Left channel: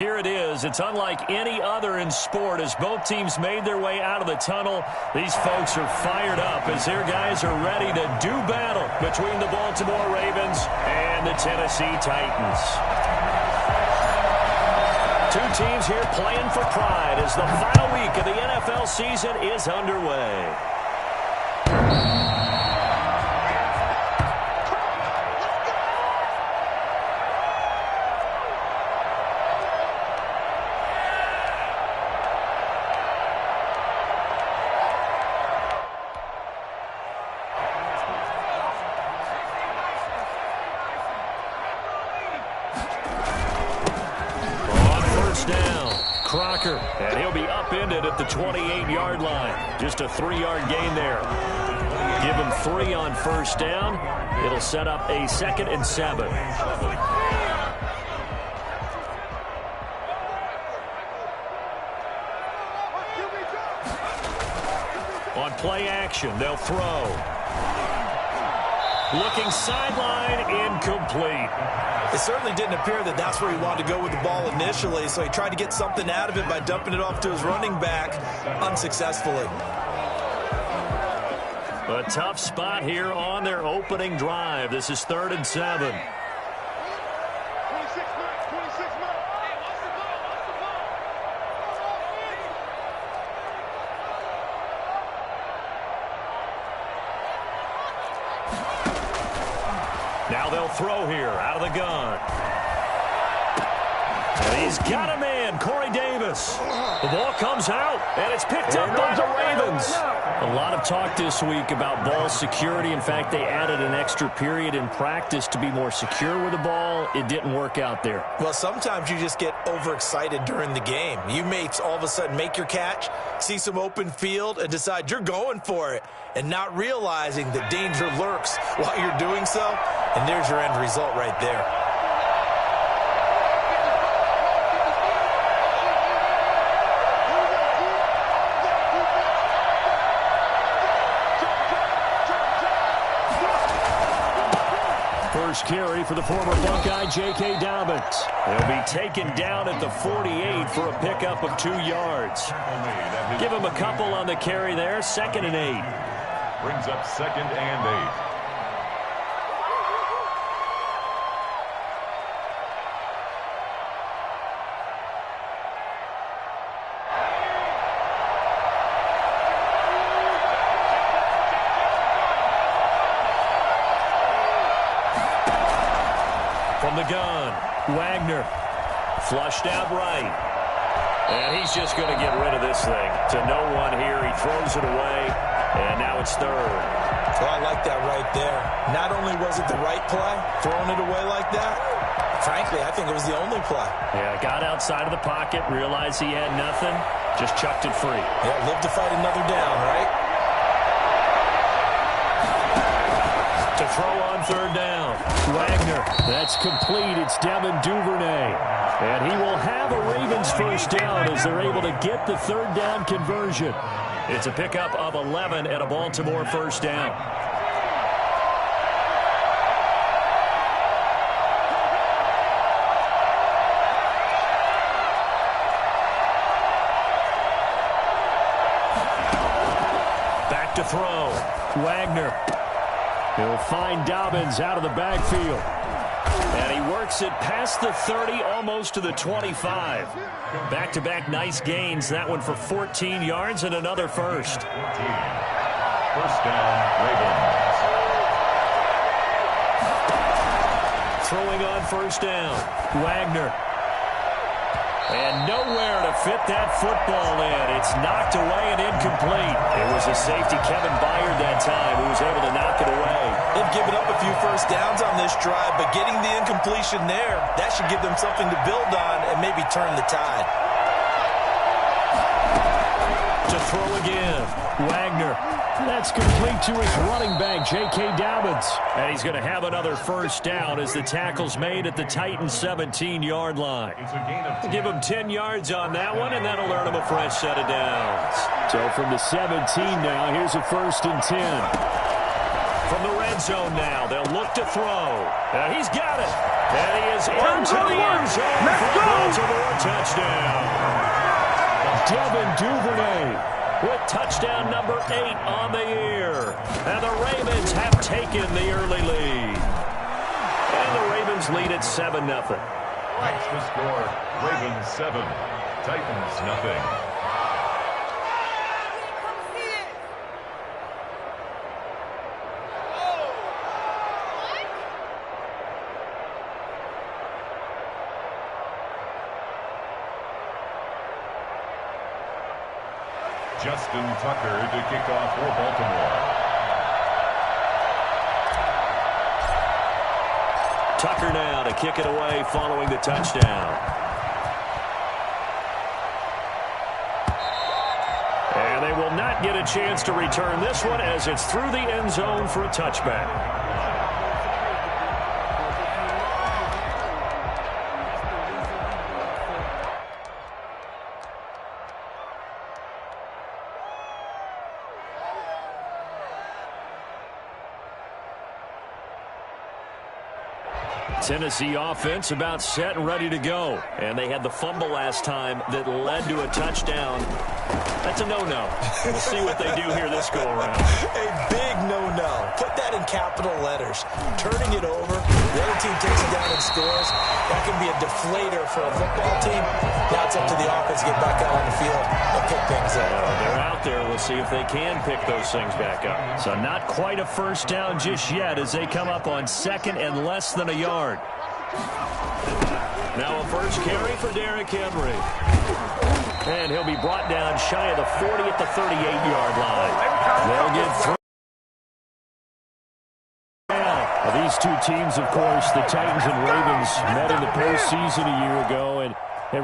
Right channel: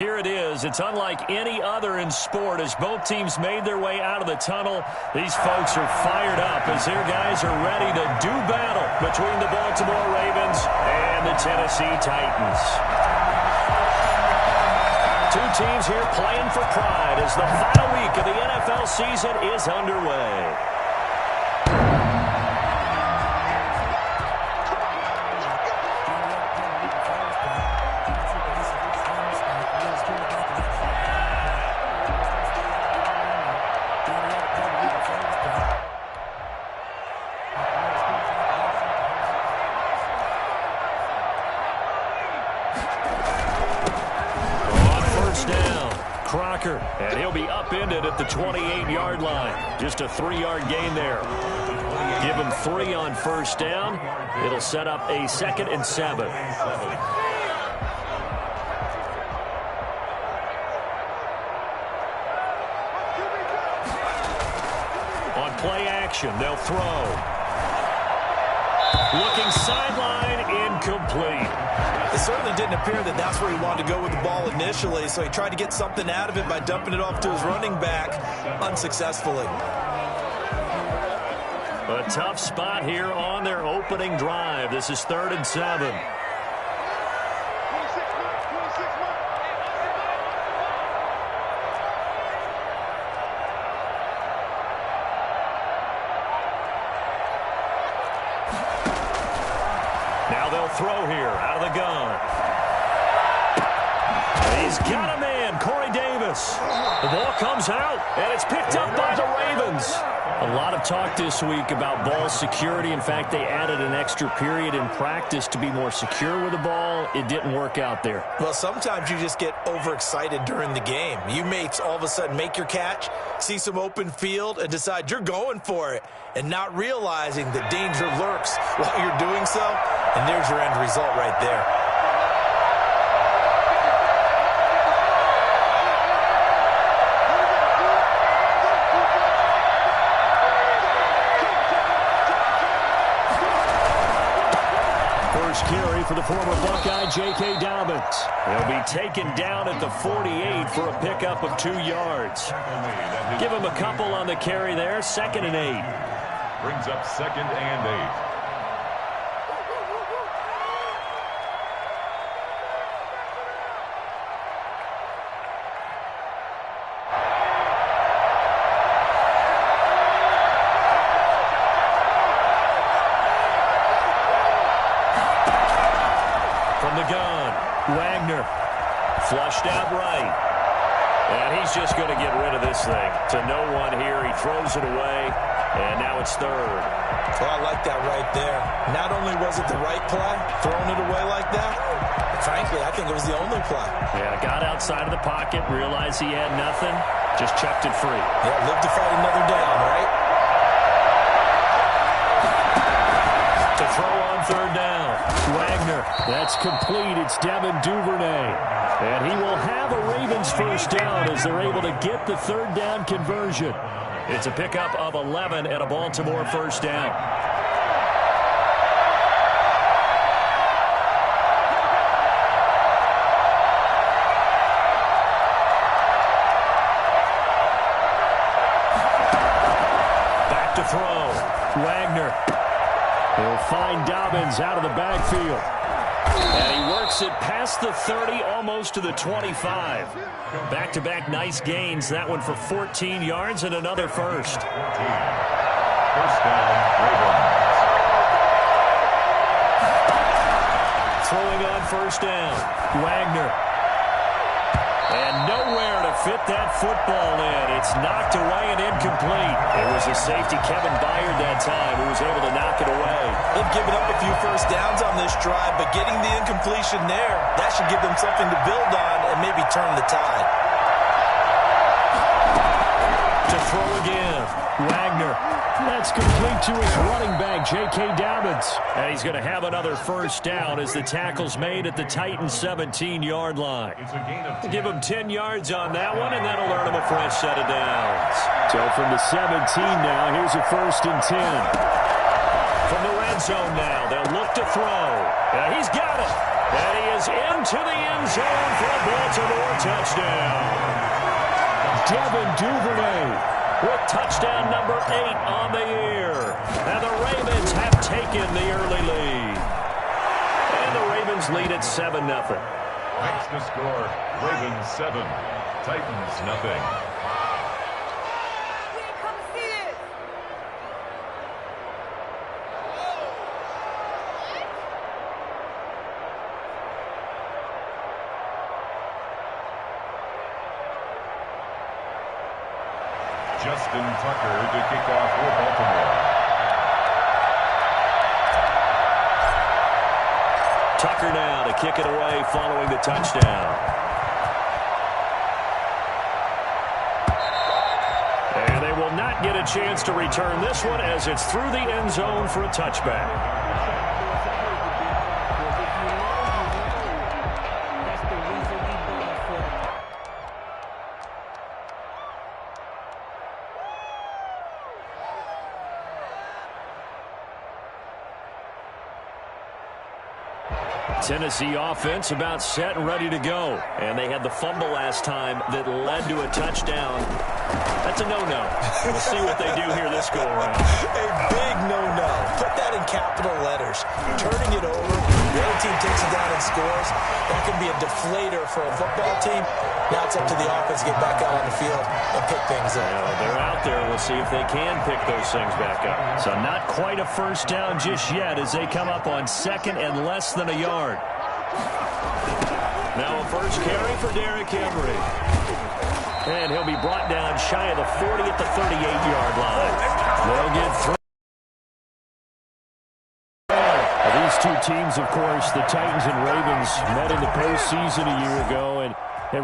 Here it is. It's unlike any other in sport as both teams made their way out of the tunnel. These folks are fired up as their guys are ready to do battle between the Baltimore Ravens and the Tennessee Titans. Two teams here playing for pride as the final week of the NFL season is underway. Crocker, and he'll be upended at the 28-yard line. Just a 3-yard gain there. Give him 3 on first down. It'll set up a 2nd and 7. On play action, they'll throw. Looking sideline, incomplete. It certainly didn't appear that that's where he wanted to go with the ball initially, so he tried to get something out of it by dumping it off to his running back unsuccessfully. A tough spot here on their opening drive. This is 3rd and 7. Now they'll throw here out of the gun. And he's got a man, Corey Davis. The ball comes out, and it's picked up by the Ravens. A lot of talk this week about ball security. In fact, they added an extra period in practice to be more secure with the ball. It didn't work out there. Well, sometimes you just get overexcited during the game. You may all of a sudden make your catch, see some open field, and decide you're going for it, and not realizing that danger lurks while you're doing so. And there's your end result right there. First carry for the former Buckeye, J.K. Dobbins. He'll be taken down at the 48 for a pickup of 2 yards. Give him a couple on the carry there, 2nd and 8. Brings up 2nd and 8. From the gun, Wagner flushed out right. And he's just going to get rid of this thing. To no one here, he throws it away, and now it's 3rd. Well, I like that right there. Not only was it the right play, throwing it away like that, frankly, I think it was the only play. Yeah, got outside of the pocket, realized he had nothing, just chucked it free. Yeah, live to fight another down, right? To throw on 3rd down. Wagner, that's complete. It's Devin Duvernay. And he will have a Ravens first down as they're able to get the 3rd down conversion. It's a pickup of 11 and a Baltimore first down. Back to throw. Wagner. He'll find Dobbins out of the backfield. And he works it past the 30, almost to the 25. Back-to-back nice gains. That one for 14 yards and another first. First down, Ravens. Throwing on first down. Wagner. And nowhere to fit that football in. It's knocked away and incomplete. It was a safety, Kevin Byard, that time, who was able to knock it away. They've given up a few first downs on this drive, but getting the incompletion there, that should give them something to build on and maybe turn the tide. To throw again, Wagner. That's complete to his running back, J.K. Dobbins. And he's going to have another first down as the tackle's made at the Titans' 17-yard line. Give him 10 yards on that one, and that'll earn him a fresh set of downs. So from the 17 now, here's a 1st and 10. From the red zone now, they'll look to throw. He's got it. And he is into the end zone for a Baltimore touchdown. Devin Duvernay with touchdown number 8 on the year. And the Ravens have taken the early lead. And the Ravens lead at 7-0. Extra score, Ravens 7, Titans nothing. Justin Tucker to kick off for Baltimore. Tucker now to kick it away following the touchdown. And they will not get a chance to return this one as it's through the end zone for a touchback. Tennessee offense about set and ready to go. And they had the fumble last time that led to a touchdown. That's a no-no. We'll see what they do here this go-around. A big no-no. Put that in capital letters. Turning it over, the other team takes it down and scores. That can be a deflator for a football team. Now it's up to the offense to get back out on the field and pick things up. They're out there. We'll see if they can pick those things back up. So not quite a first down just yet as they come up on second and less than a yard. Now a first carry for Derrick Henry. And he'll be brought down shy of the 40 at the 38-yard line. They'll get through. These two teams, of course, the Titans and Ravens, met in the postseason a year ago. And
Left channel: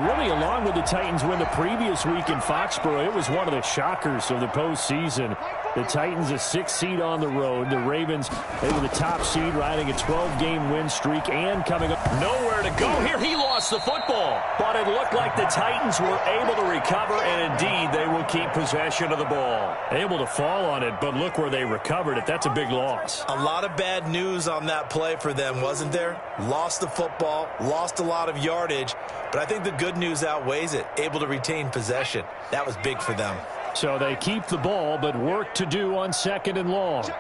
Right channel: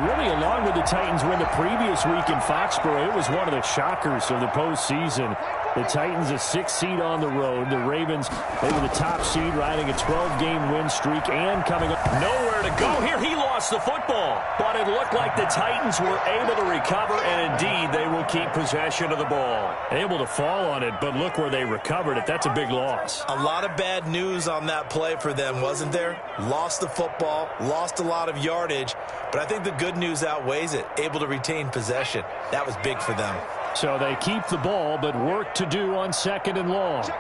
really, along with the Titans win the previous week in Foxborough, it was one of the shockers of the postseason. The Titans a 6th seed on the road. The Ravens, they were the top seed, riding a 12-game win streak and coming up. Nowhere to go here. He lost the football. But it looked like the Titans were able to recover, and indeed, they will keep possession of the ball. Able to fall on it, but look where they recovered it. That's a big loss. A lot of bad news on that play for them, wasn't there? Lost the football, lost a lot of yardage, but I think the good news outweighs it. Able to retain possession. That was big for them. So they keep the ball, but work to do on second and long.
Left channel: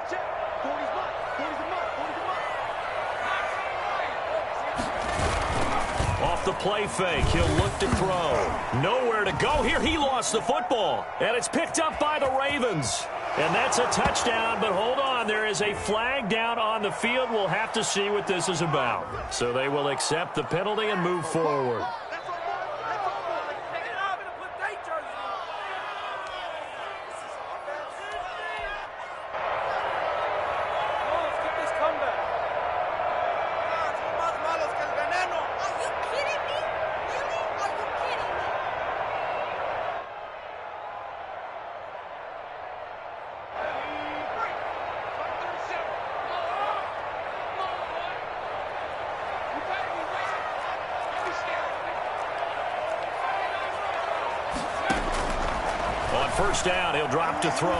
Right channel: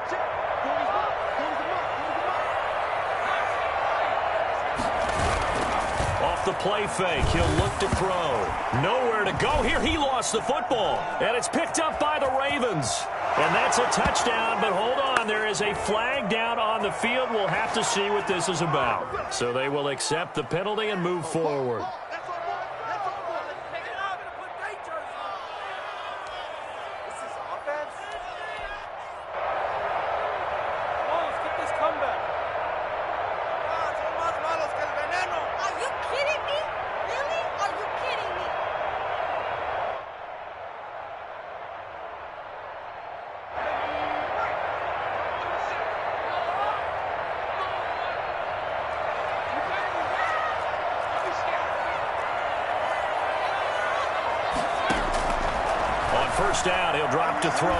Off the play fake, he'll look to throw. Nowhere to go here. He lost the football, and it's picked up by the Ravens. And that's a touchdown, but hold on. There is a flag down on the field. We'll have to see what this is about. So they will accept the penalty and move forward. First down, he'll drop to throw.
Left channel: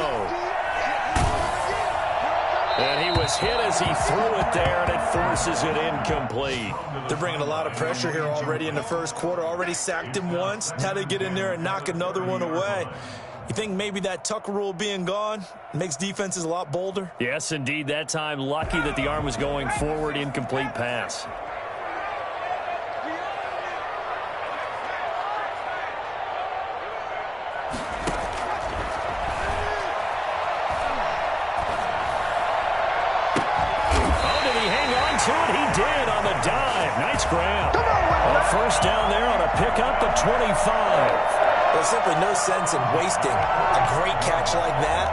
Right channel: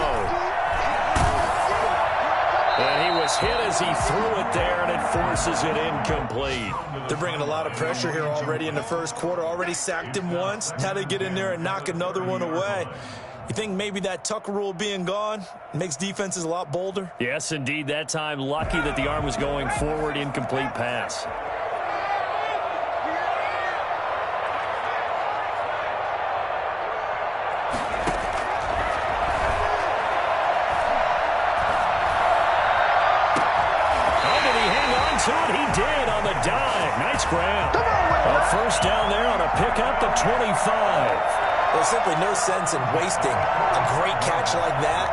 And he was hit as he threw it there, and it forces it incomplete. They're bringing a lot of pressure here already in the first quarter. Already sacked him once. Had to get in there and knock another one away. You think maybe that Tucker rule being gone makes defenses a lot bolder? Yes, indeed. That time, lucky that the arm was going forward, incomplete pass. To it, he did on the dive. Nice grab. A first down there on a pickup of 25. There's simply no sense in wasting a great catch like that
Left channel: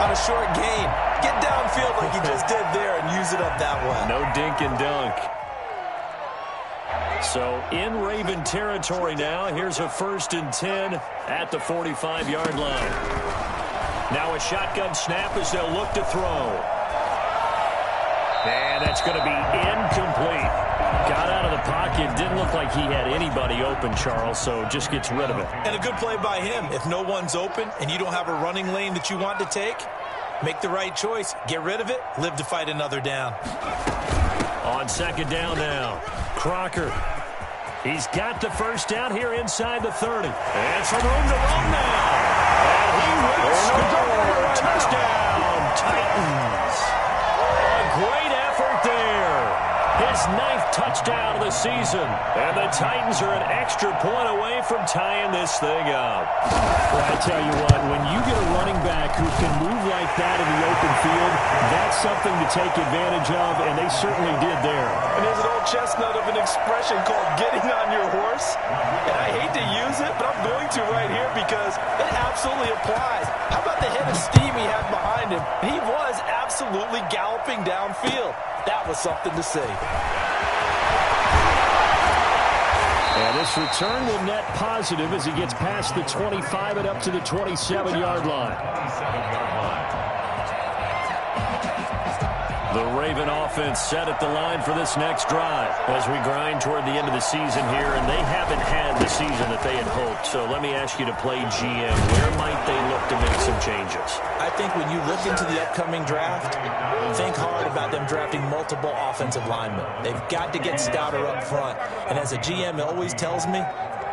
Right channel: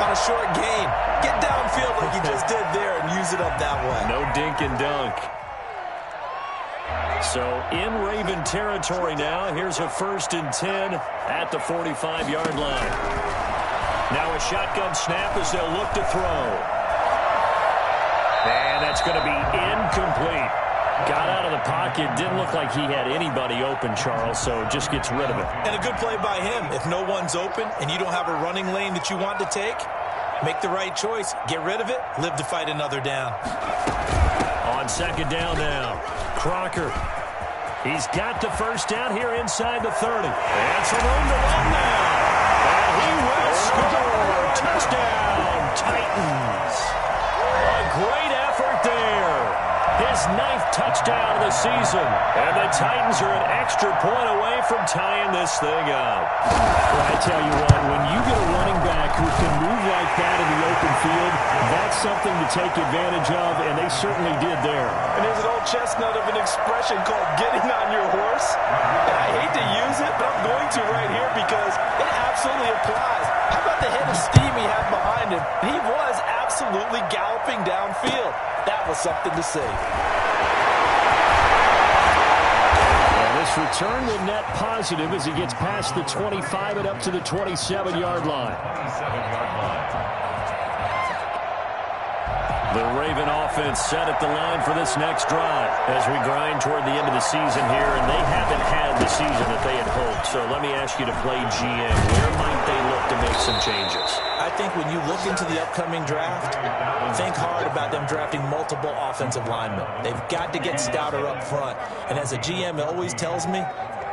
on a short gain. Get downfield like you just did there and use it up that way. No dink and dunk. So in Raven territory now. Here's a 1st and 10 at the 45-yard line. Now a shotgun snap as they'll look to throw. And that's going to be incomplete. Got out of the pocket. Didn't look like he had anybody open, Charles, so just gets rid of it. And a good play by him. If no one's open and you don't have a running lane that you want to take, make the right choice. Get rid of it. Live to fight another down. On second down now. Crocker. He's got the first down here inside the 30. And some room to run now. And he will score. Touchdown, Titans. A great effort there. His 9th touchdown of the season. And the Titans are an extra point away from tying this thing up. Well, I tell you what, when you get a running back who can move like that in the open field, that's something to take advantage of, and they certainly did there. And there's an old chestnut of an expression called getting on your horse. And I hate to use it, but I'm going to right here because it absolutely applies. How about the head of steam he had behind him? He was absolutely galloping downfield. That was something to see. And this return will net positive as he gets past the 25 and up to the 27-yard line. 27-yard line. The Raven offense set at the line for this next drive as we grind toward the end of the season here, and they haven't had the season that they had hoped. So let me ask you to play GM. Where might they look to make some changes? I think when you look into the upcoming draft, think hard about them drafting multiple offensive linemen. They've got to get stouter up front. And as a GM, it always tells me,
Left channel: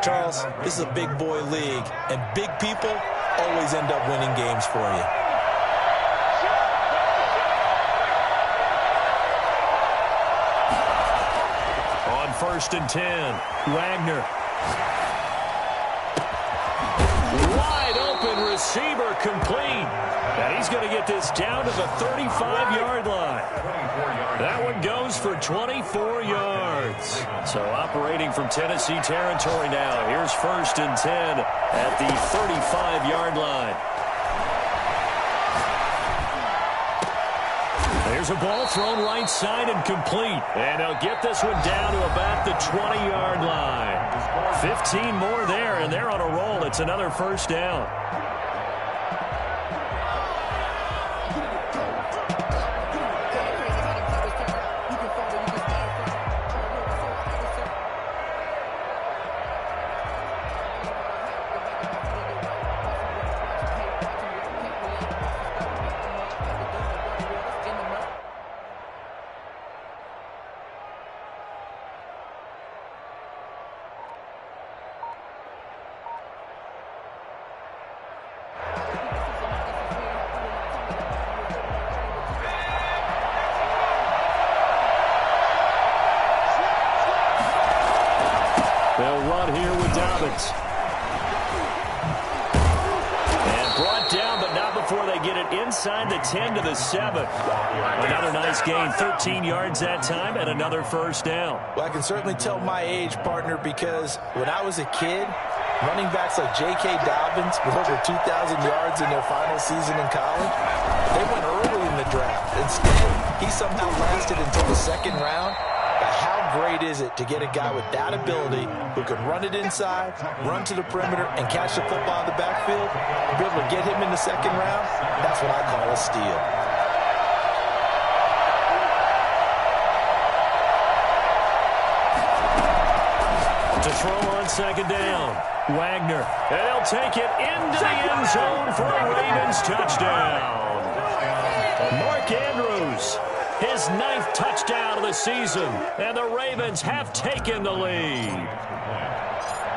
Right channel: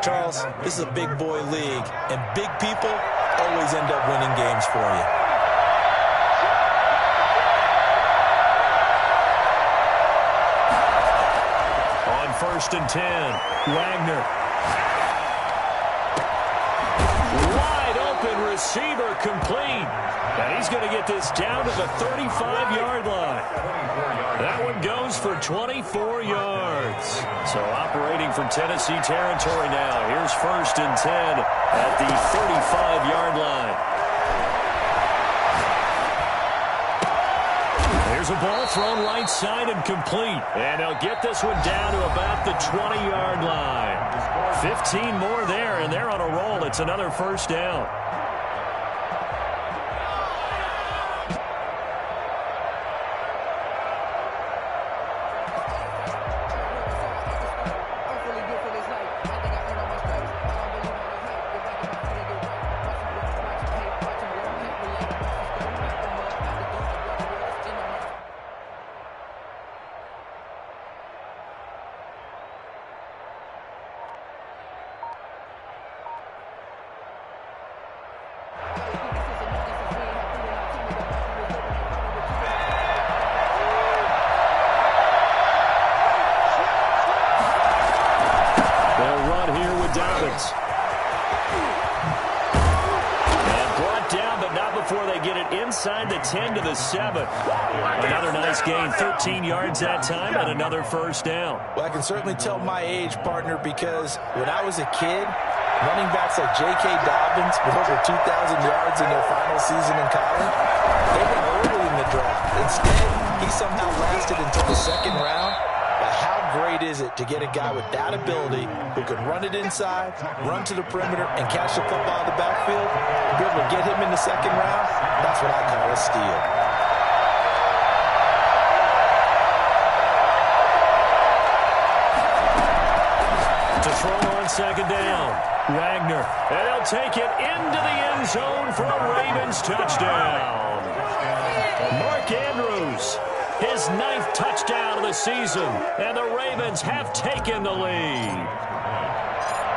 Charles, this is a big boy league, and big people always end up winning games for you. On 1st and 10, Wagner. Wide open receiver complete. And he's going to get this down to the 35-yard line. That one goes for 24 yards. So operating from Tennessee territory now. Here's 1st and 10 at the 35-yard line. There's a ball thrown right side and complete. And they'll get this one down to about the 20-yard line. 15 more there, and they're on a roll. It's another 1st down. They'll run here with Dobbins. And brought down, but not before they get it inside the 10 to the 7. Another nice gain, 13 yards that time, and another 1st down. Well, I can certainly tell my age, partner, because when I was a kid, running backs like J.K. Dobbins with over 2,000 yards in their final season in college, they went early in the draft. Instead, he somehow lasted until the 2nd round. But how great is it to get a guy with that ability who can run it inside, run to the perimeter, and catch the football in the backfield? Be able to get him in the 2nd round? That's what I call a steal. To throw on 2nd down, Wagner. And they'll take it into the end zone for a Ravens touchdown. Mark Andrews. His 9th touchdown of the season, and the Ravens have taken the lead.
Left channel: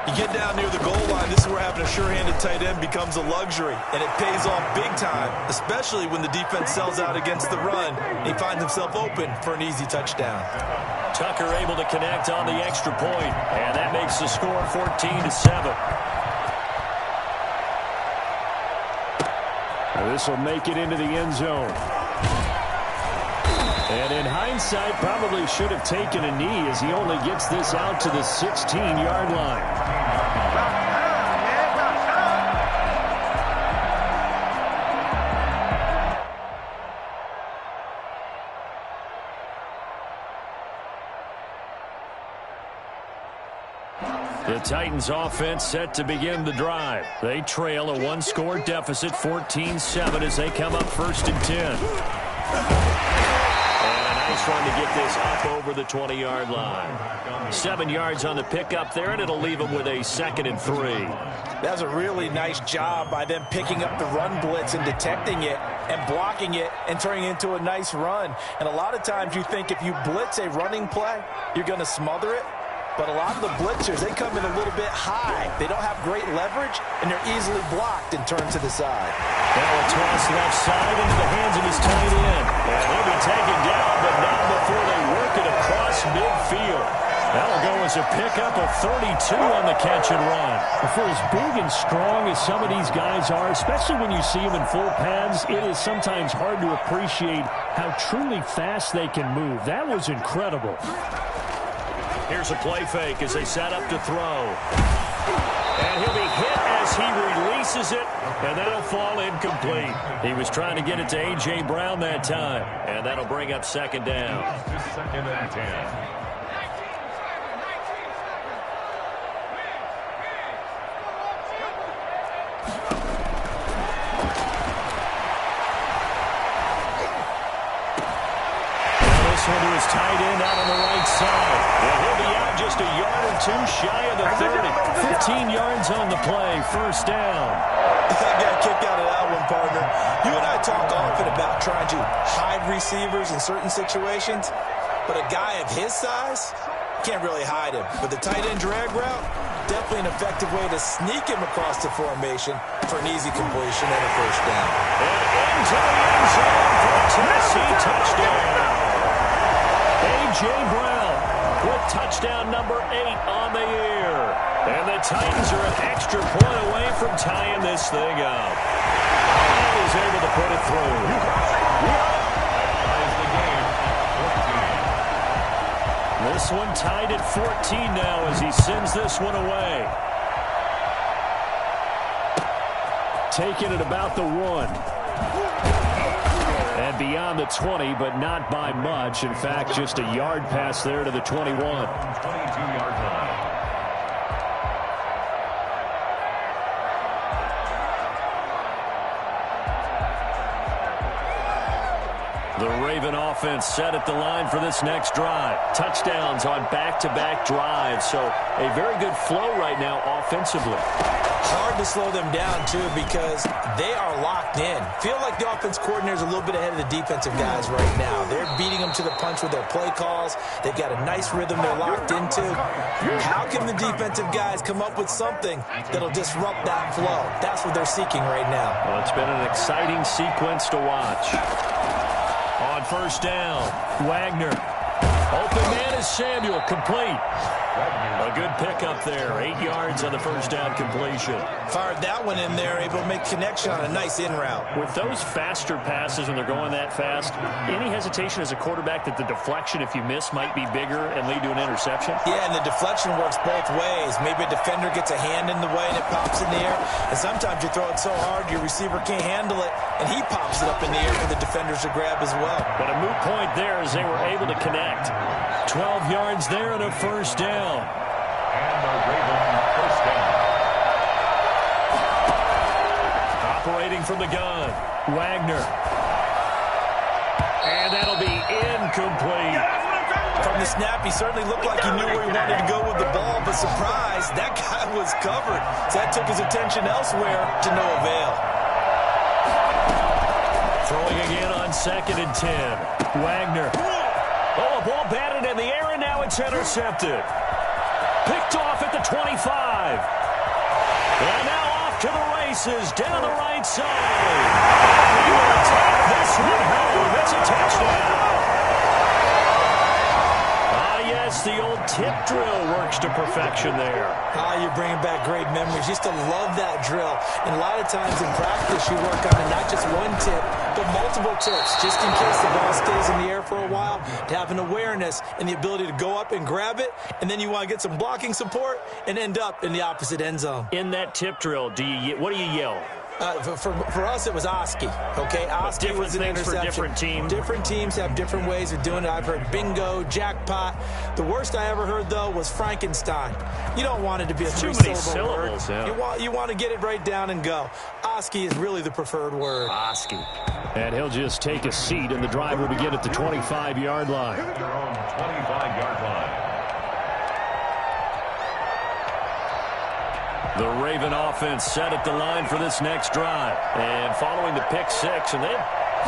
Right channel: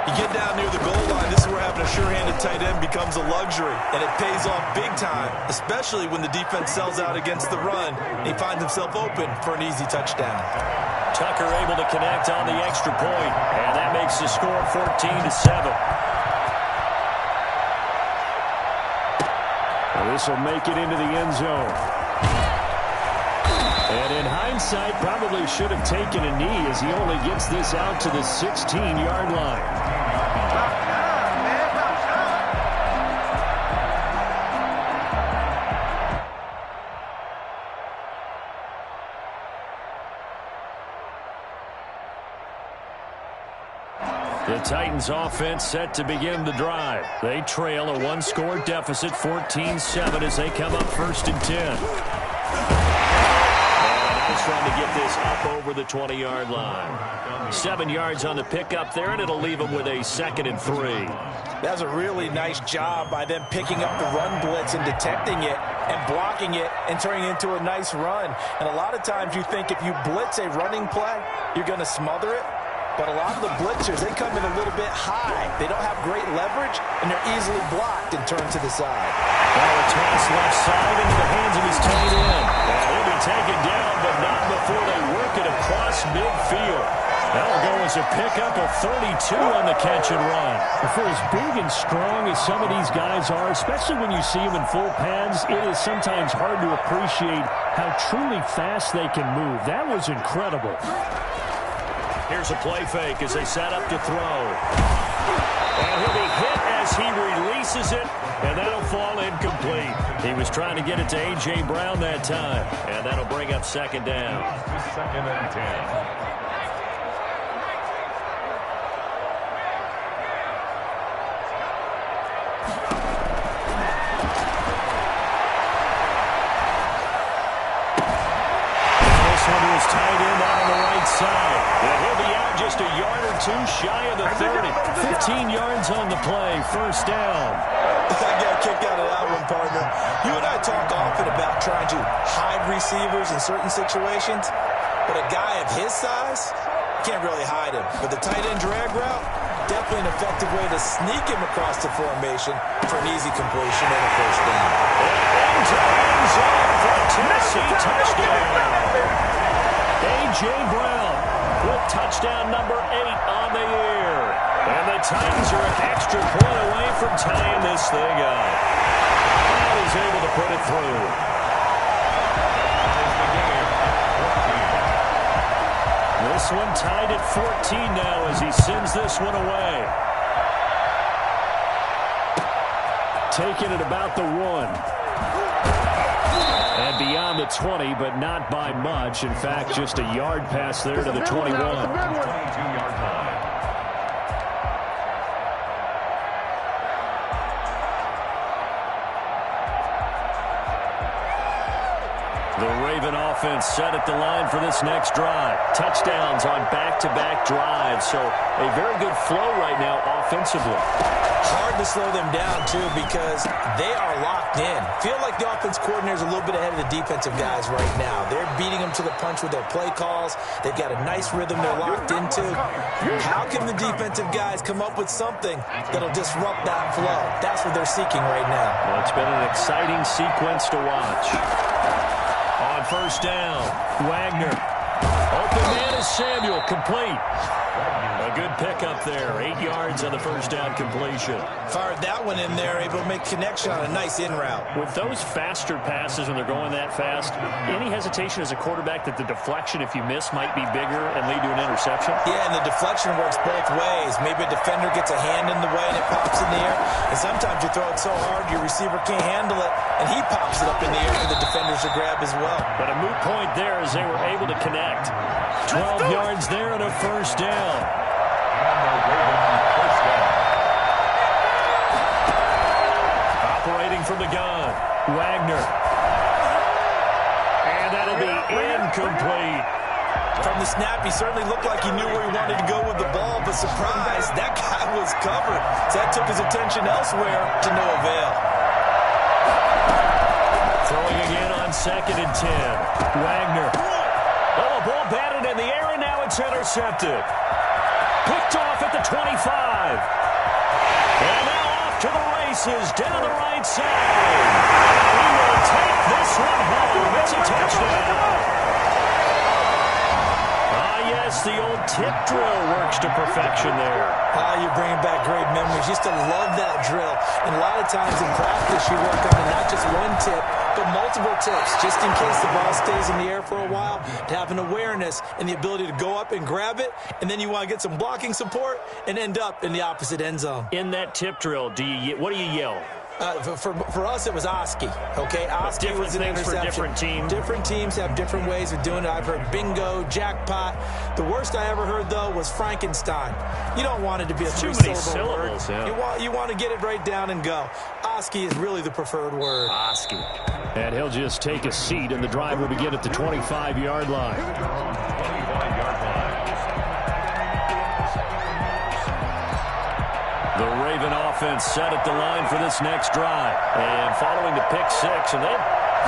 You get down near the goal line, this is where having a sure-handed tight end becomes a luxury, and it pays off big time, especially when the defense sells out against the run, and he finds himself open for an easy touchdown. Tucker able to connect on the extra point, and that makes the score 14-7. This will make it into the end zone. And in hindsight, probably should have taken a knee as he only gets this out to the 16-yard line. The Titans offense set to begin the drive. They trail a 1-score deficit, 14-7 as they come up 1st and 10. Nice run to get this up over the 20-yard line. 7 yards on the pickup there, and it'll leave them with a 2nd and 3. That's a really nice job by them picking up the run blitz and detecting it. and blocking it and turning it into a nice run. And a lot of times you think if you blitz a running play, you're going to smother it. But a lot of the blitzers, they come in a little bit high. They don't have great leverage, and they're easily blocked and turned to the side. Now a toss left side into the hands of his tight end. And he'll be taken down, but not before they work it across midfield. That'll go as a pickup of 32 on the catch and run. For as big and strong as some of these guys are, especially when you see them in full pads, it is sometimes hard to appreciate how truly fast they can move. That was incredible. Here's a play fake as they set up to throw. And he'll be hit as he releases it, and that'll fall incomplete. He was trying to get it to A.J. Brown that time, and that'll bring up second down. Second and 10. One to his tight end out on the right side. And he'll be out just a yard or two shy of the 30. 15 yards on the play, first down. I got kicked out of that one, partner. You and I talk often about trying to hide receivers in certain situations, but a guy of his size, can't really hide him. But the tight end drag route, definitely an effective way to sneak him across the formation for an easy completion and a first down. And into the end zone for a Tennessee touchdown. A.J. Brown with touchdown number 8 on the year. And the Titans are an extra point away from tying this thing up. And he's able to put it through. Ties the game at 14. This one tied at 14 now as he sends this one away. Taking it about the 1. And beyond the 20, but not by much. In fact, just a yard pass there to the 21. 22-yard line. The Raven offense set at the line for this next drive. Touchdowns on back-to-back drives. So a very good flow right now offensively. Hard to slow them down, too, because they are locked in. Feel like the offense coordinator is a little bit ahead of the defensive guys right now. They're beating them to the punch with their play calls. They've got a nice rhythm they're locked into. How can the defensive guys come up with something that'll disrupt that flow? That's what they're seeking right now. Well, it's been an exciting sequence to watch. On first down, Wagner. Open man is Samuel, complete. A good pickup there. 8 yards on the first down completion. Fired that one in there, able to make connection on a nice in route. With those faster passes when they're going that fast, any hesitation as a quarterback that the deflection, if you miss, might be bigger and lead to an interception? Yeah, and the deflection works both ways. Maybe a defender gets a hand in the way and it pops in the air. And sometimes you throw it so hard your receiver can't handle it, and he pops it up in the air for the defenders to grab as well. But a moot point there as they were able to connect. 12 yards there and a first down. And the Ravens first down. Operating from the gun, Wagner. And that'll be incomplete. From the snap, he certainly looked like he knew where he wanted to go with the ball, but surprise, that guy was covered. So that took his attention elsewhere to no avail. Throwing again on 2nd and 10. Wagner. Oh, a ball batted in the air, and now it's intercepted. Picked off at the 25. And now off to the races down the right side. And he will take this one home. It's a touchdown. Yes, the old tip drill works to perfection there. You're bringing back great memories. Used to love that drill. And a lot of times in practice, you work on it, not just one tip, but multiple tips, just in case the ball stays in the air for a while, to have an awareness and the ability to go up and grab it, and then you want to get some blocking support and end up in the opposite end zone. In that tip drill, what do you yell? For us, it was Oski. Okay, Oski was an interception. For different teams. Different teams have different ways of doing it. I've heard bingo, jackpot. The worst I ever heard, though, was Frankenstein. You don't want it to be a three-syllable word. Yeah. You want to get it right down and go. Oski is really the preferred word. Oski. And he'll just take a seat, and the drive will begin at the 25-yard line. They're on 25-yard line. The Raven offense set at the line for this next drive. And following the pick six, and they've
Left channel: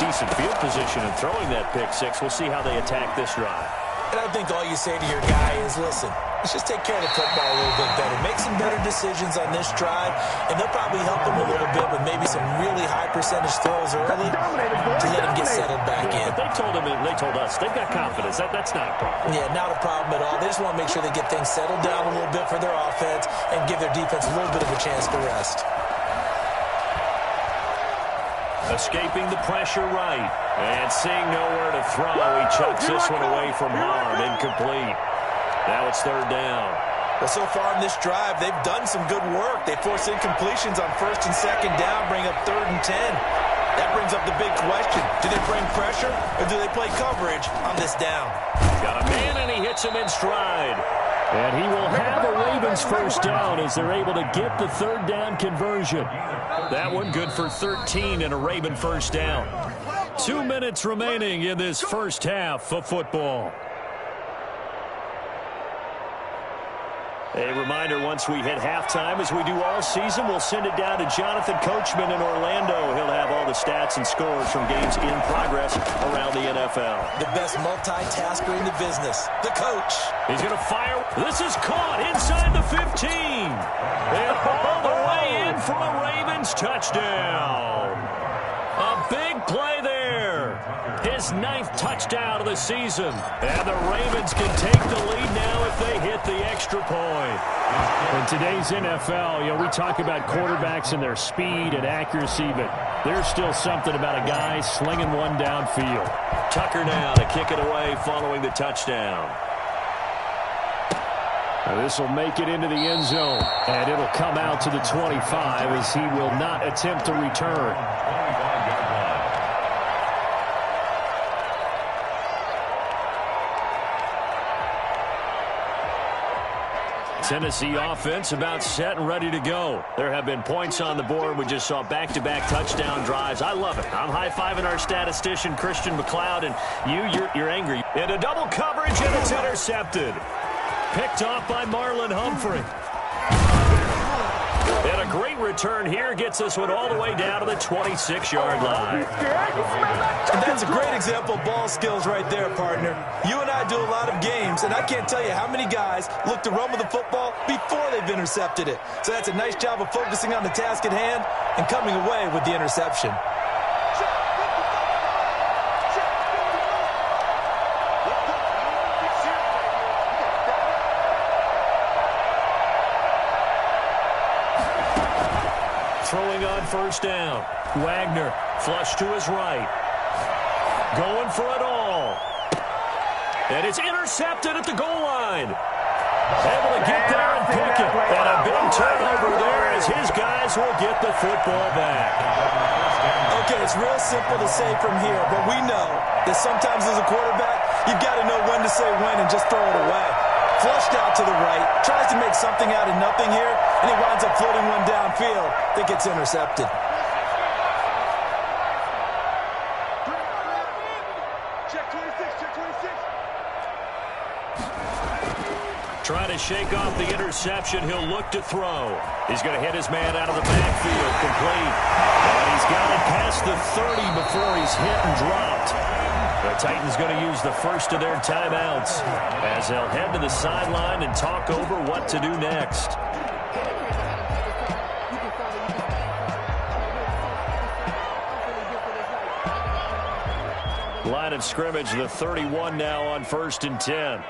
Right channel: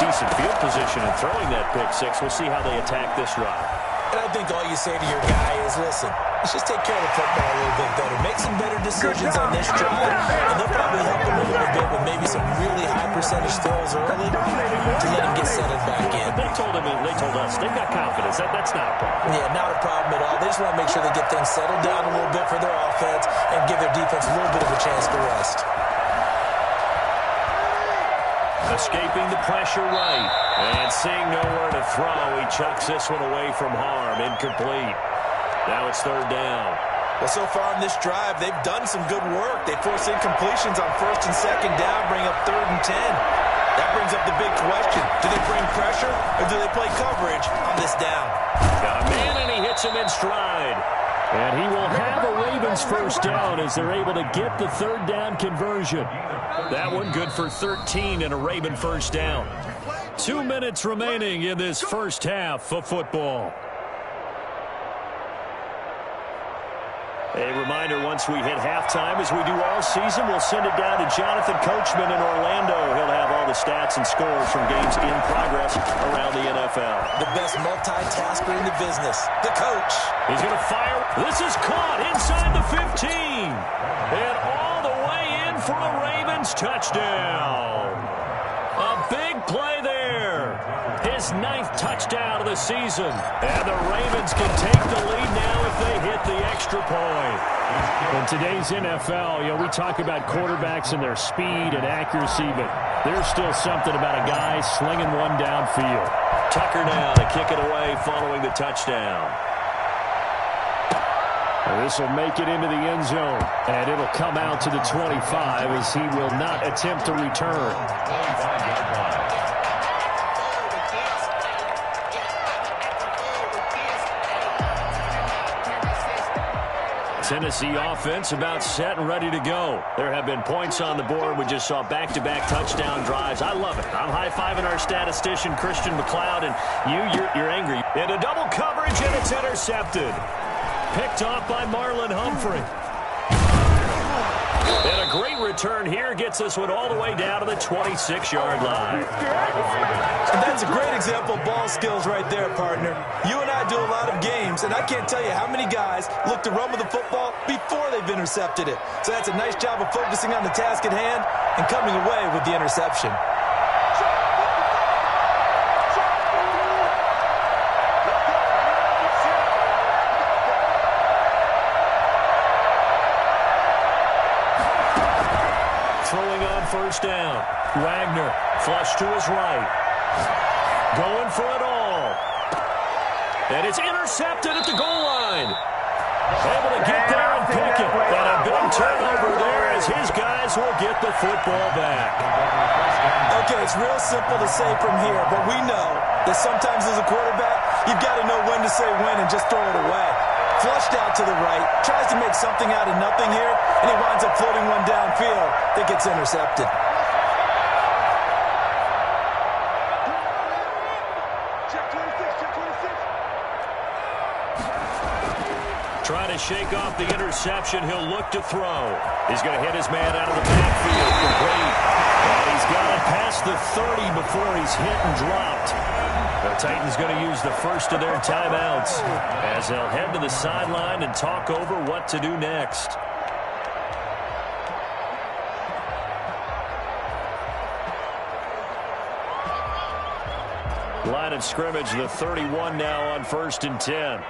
decent field position and throwing that pick six. We'll see how they attack this drive. And I think all you say to your guy is, listen, let's just take care of the football a little bit better. Make some better decisions on this drive, and they'll probably help him a little bit with maybe some really high percentage throws early to let him get settled back in. But they told us they've got confidence. That's not a problem. Yeah, not a problem at all. They just want to make sure they get things settled down a little bit for their offense and give their defense a little bit of a chance to rest. Escaping the pressure right. And seeing nowhere to throw, he chucks this one away from harm. Incomplete. Now it's third down. Well, so far in this drive, they've done some good work. They force incompletions on first and second down, bring up 3rd and 10. That brings up the big question. Do they bring pressure or do they play coverage on this down? Got a man, and he hits him in stride. And he will have a Ravens first down as they're able to get the third down conversion. That one good for 13 and a Raven first down. 2 minutes remaining in this first half of football. A reminder, once we hit halftime, as we do all season, we'll send it down to Jonathan Coachman in Orlando. He'll have all the stats and scores from games in progress around the NFL. The best multitasker in the business, the coach. He's going to fire. This is caught inside the 15. And all the way in for a Ravens touchdown. A big play there. His 9th touchdown of the season. And the Ravens can take the lead now if they hit the extra point. In today's NFL, we talk about quarterbacks and their speed and accuracy, but there's still something about a guy slinging one downfield. Tucker now to kick it away following the touchdown. This will make it into the end zone, and it'll come out to the 25 as he will not attempt to return. 25-yard line. Tennessee offense about set and ready to go. There have been points on the board. We just saw back-to-back touchdown drives. I love it. I'm high-fiving our statistician, Christian McLeod, and you're angry. Into double coverage, and it's intercepted. Picked off by Marlon Humphrey. And a great return here gets this one all the way down to the 26-yard line. And that's a great example of ball skills right there, partner. You and I do a lot of games, and I can't tell you how many guys look to run with the football before they've intercepted it. So that's a nice job of focusing on the task at hand and coming away with the interception. Throwing on first down. Wagner flush to his right. Going for it all. And it's intercepted at the goal line. Able to get there and pick it. And a big turnover there as his guys will get the football back. Okay, it's real simple to say from here, but we know that sometimes as a quarterback, you've got to know when to say when and just throw it away. Flushed out to the right, tries to make something out of nothing here, and he winds up floating one downfield that gets intercepted. Check 26, check 26. Trying to shake off the interception. He'll look to throw. He's going to hit his man out of the backfield. Complete. And he's got it past the 30 before he's hit and dropped. The Titans going to use the first of their timeouts as they'll head to the sideline and talk over what to do next. Line of scrimmage, the 31 now on 1st and 10.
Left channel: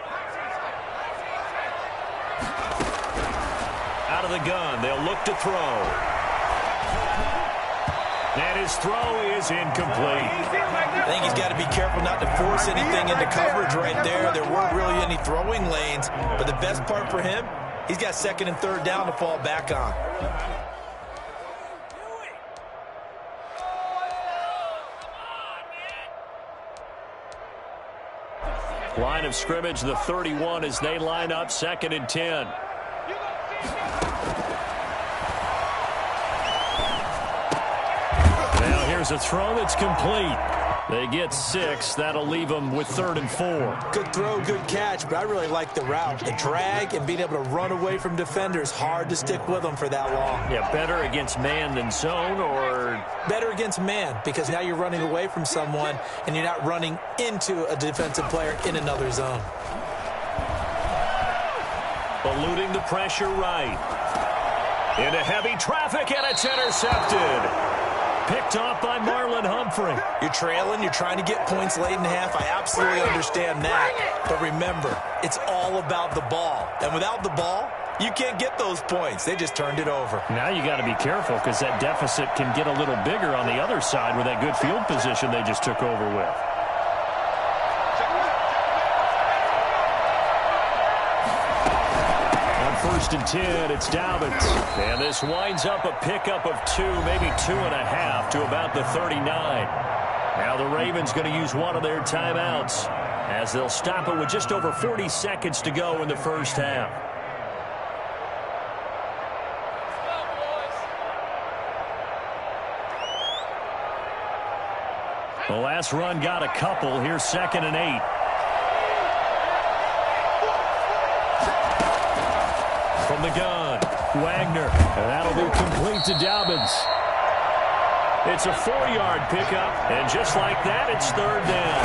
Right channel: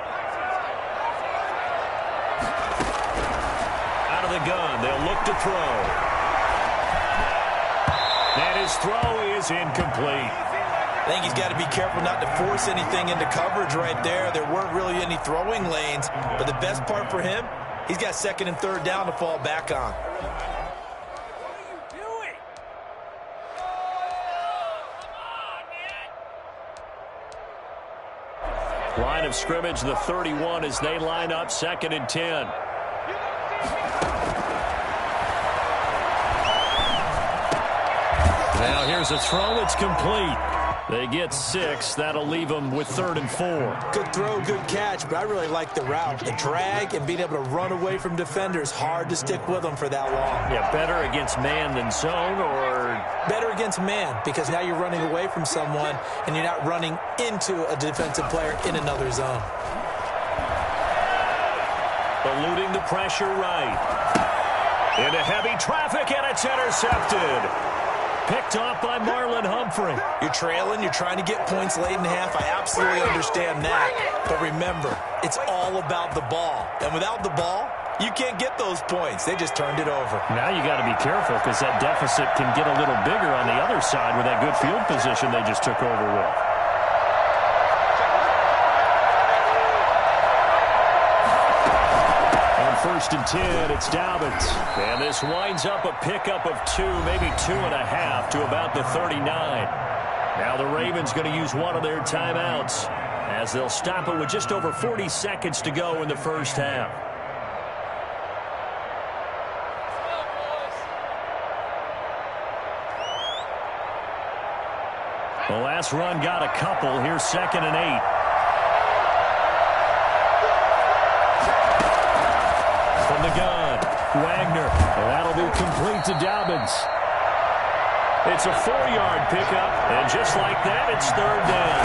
Out of the gun, they'll look to throw. And his throw is incomplete. I think he's got to be careful not to force anything into coverage right there. There weren't really any throwing lanes, but the best part for him, he's got 2nd and 3rd down to fall back on. Line of scrimmage, the 31 as they line up 2nd and 10. Now here's a throw that's complete. They get 6. That'll leave them with 3rd and 4. Good throw, good catch, but I really like the route. The drag and being able to run away from defenders, hard to stick with them for that long. Yeah, better against man than zone, or? Better against man, because now you're running away from someone and you're not running into a defensive player in another zone. Eluding the pressure right. Into heavy traffic, and it's intercepted. Picked off by Marlon Humphrey. You're trailing. You're trying to get points late in the half. I absolutely understand that. But remember, it's all about the ball. And without the ball, you can't get those points. They just turned it over. Now you got to be careful because that deficit can get a little bigger on the other side with that good field position they just took over with. First and 10, it's Dobbins. And this winds up a pickup of 2, maybe 2.5 to about the 39. Now the Ravens going to use one of their timeouts as they'll stop it with just over 40 seconds to go in the first half. The last run got a couple. Here's 2nd and 8. From the gun, Wagner, and that'll be complete to Dobbins. It's a 4-yard pickup, and just like that, it's 3rd down.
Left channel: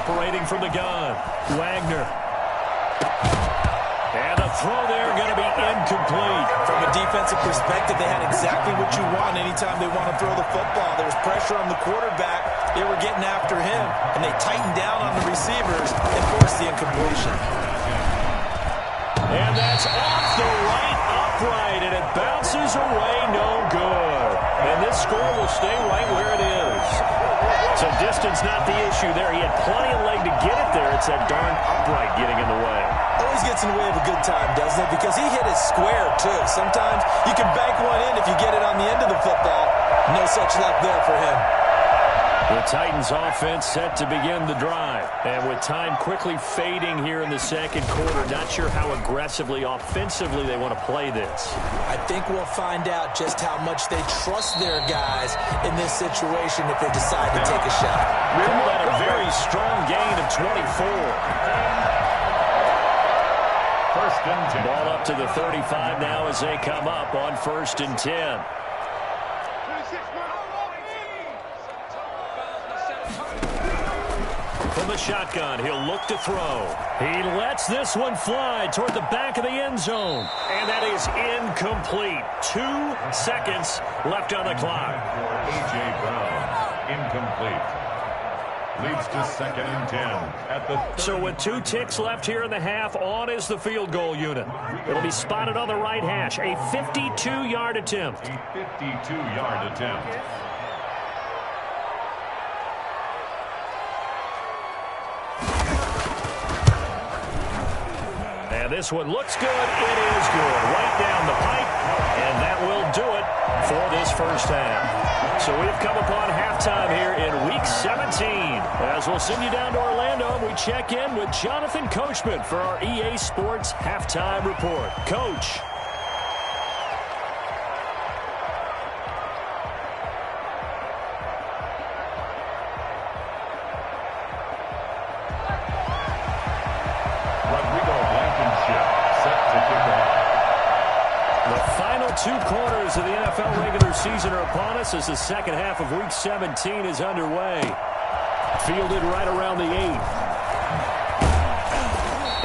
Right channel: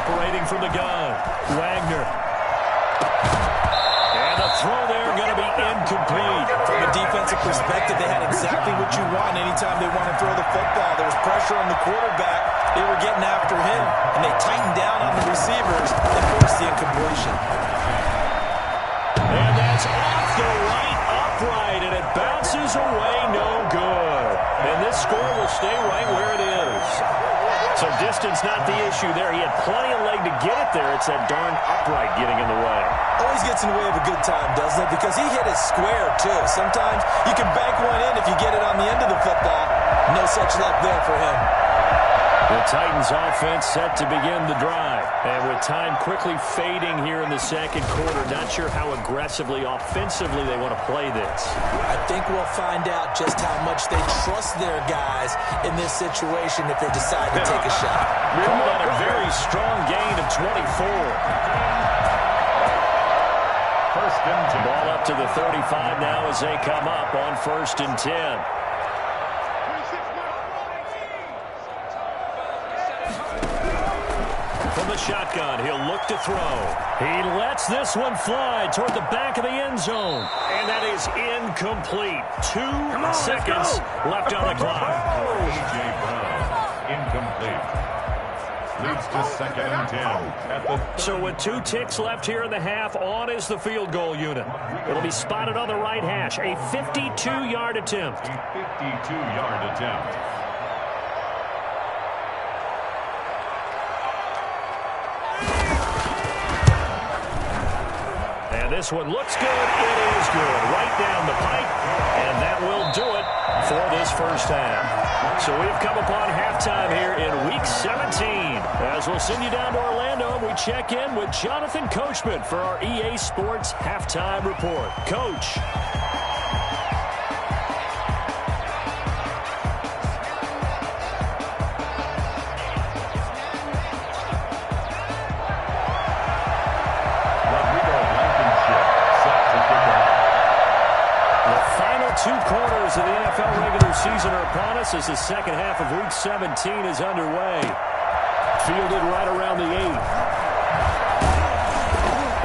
Operating from the gun, Wagner. And the throw there going to be incomplete. From a defensive perspective, they had exactly what you want anytime they want to throw the football. There was pressure on the quarterback. They were getting after him, and they tightened down on the receivers and forced the incompletion. And that's off the right upright, and it bounces away, no good. And this score will stay right where it is. So distance not the issue there. He had plenty of leg to get it there. It's that darn upright getting in the way. Always gets in the way of a good time, doesn't it? Because he hit it square, too. Sometimes you can bank one in if you get it on the end of the football. No such luck there for him. The Titans offense set to begin the drive. And with time quickly fading here in the second quarter, not sure how aggressively, offensively they want to play this. I think we'll find out just how much they trust their guys in this situation if they decide to take a shot. Call that a very strong gain of 24. First and 10. Ball up to the 35 now as they come up on 1st and 10. From the shotgun, he'll look to throw. He lets this one fly toward the back of the end zone. And that is incomplete. 2 seconds left on the clock. A.J. Brown, incomplete. Leads to 2nd and 10 at the So with 2 ticks left here in the half, on is the field goal unit. It'll be spotted on the right hash. A 52-yard attempt. A 52-yard attempt. And this one looks good. It is good. Right down the pipe. And that will do it for this first half. So we've come upon halftime here in Week 17. As we'll send you down to Orlando, and we check in with Jonathan Coachman for our EA Sports Halftime Report. Coach. The final 2 quarters of the NFL regular season are upon us as the second half of Week 17 is underway. Fielded right around the 8.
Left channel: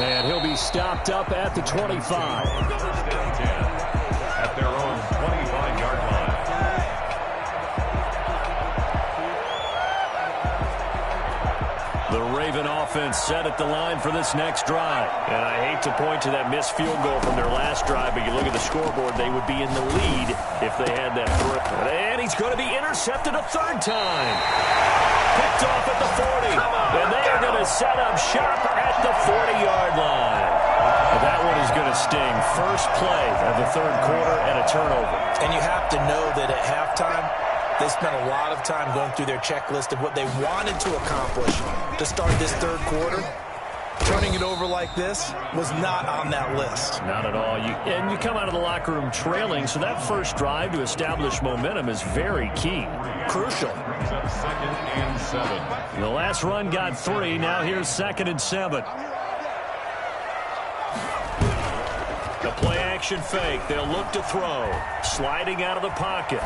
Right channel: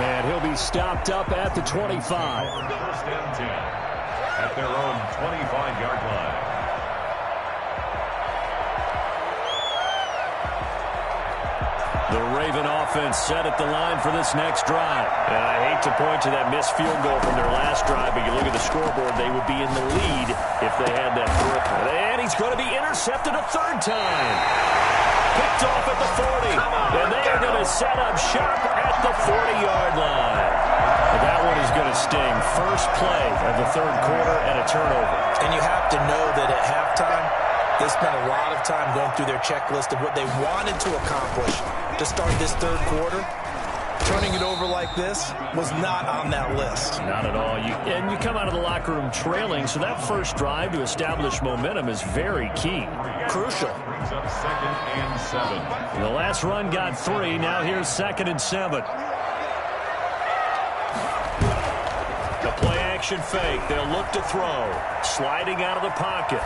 And he'll be stopped up at the 25. 1st and 10 at their own 25-yard line. The Raven offense set at the line for this next drive. And I hate to point to that missed field goal from their last drive, but you look at the scoreboard, they would be in the lead if they had that throw. And he's going to be intercepted a 3rd time. Picked off at the 40. And they are going to set up shop at the 40-yard line. But that one is going to sting. First play of the 3rd quarter and a turnover. And you have to know that at halftime, they spent a lot of time going through their checklist of what they wanted to accomplish to start this 3rd quarter. Turning it over like this was not on that list. Not at all. And you come out of the locker room trailing, so that first drive to establish momentum is very key. Crucial. Brings up 2nd and 7. The last run got 3. Now here's 2nd and 7. The play action fake. They'll look to throw. Sliding out of the pocket.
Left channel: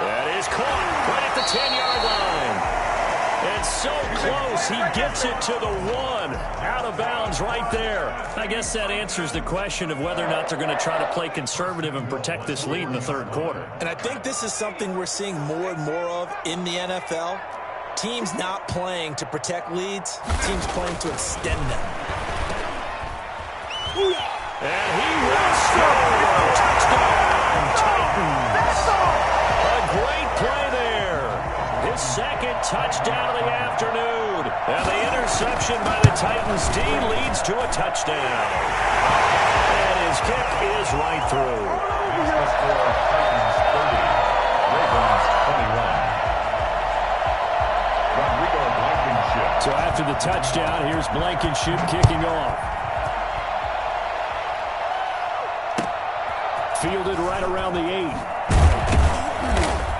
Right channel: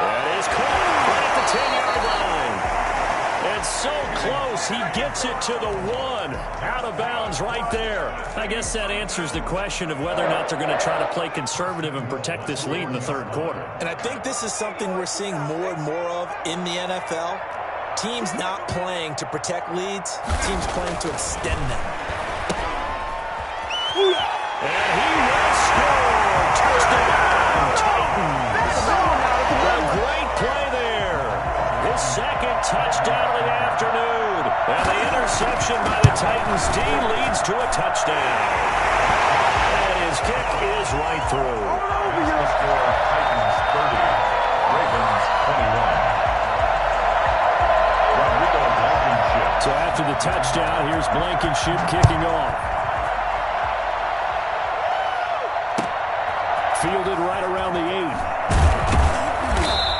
That is caught right at the 10-yard line. It's so close, he gets it to the 1. Out of bounds right there. I guess that answers the question of whether or not they're going to try to play conservative and protect this lead in the third quarter. And I think this is something we're seeing more and more of in the NFL. Teams not playing to protect leads, teams playing to extend them. And he will score. Touchdown, Titans. A great play there. His 2nd touchdown of the afternoon. And the interception by the Titans D leads to a touchdown. And his kick is right through. Here's the score, Titans 30, Ravens 21. Rodrigo Blankenship. So after the touchdown, here's Blankenship kicking off. Fielded right around the 8.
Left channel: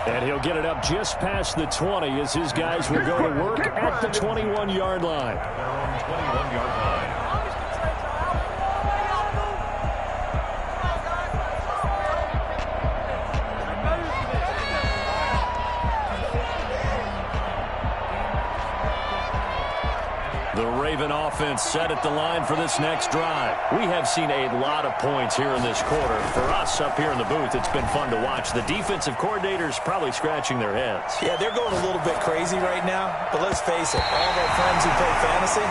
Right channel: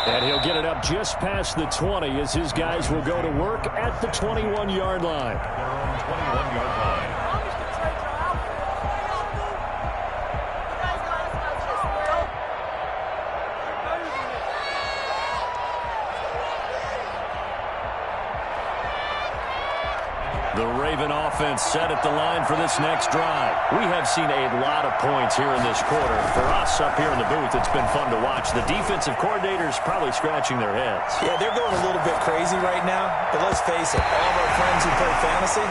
And he'll get it up just past the 20 as his guys will go to work at the 21-yard line. Their own 21-yard line. The Raven offense set at the line for this next drive. We have seen a lot of points here in this quarter. For us up here in the booth, it's been fun to watch. The defensive coordinators probably scratching their heads. Yeah, they're going a little bit crazy right now. But let's face it, all of our friends who play fantasy,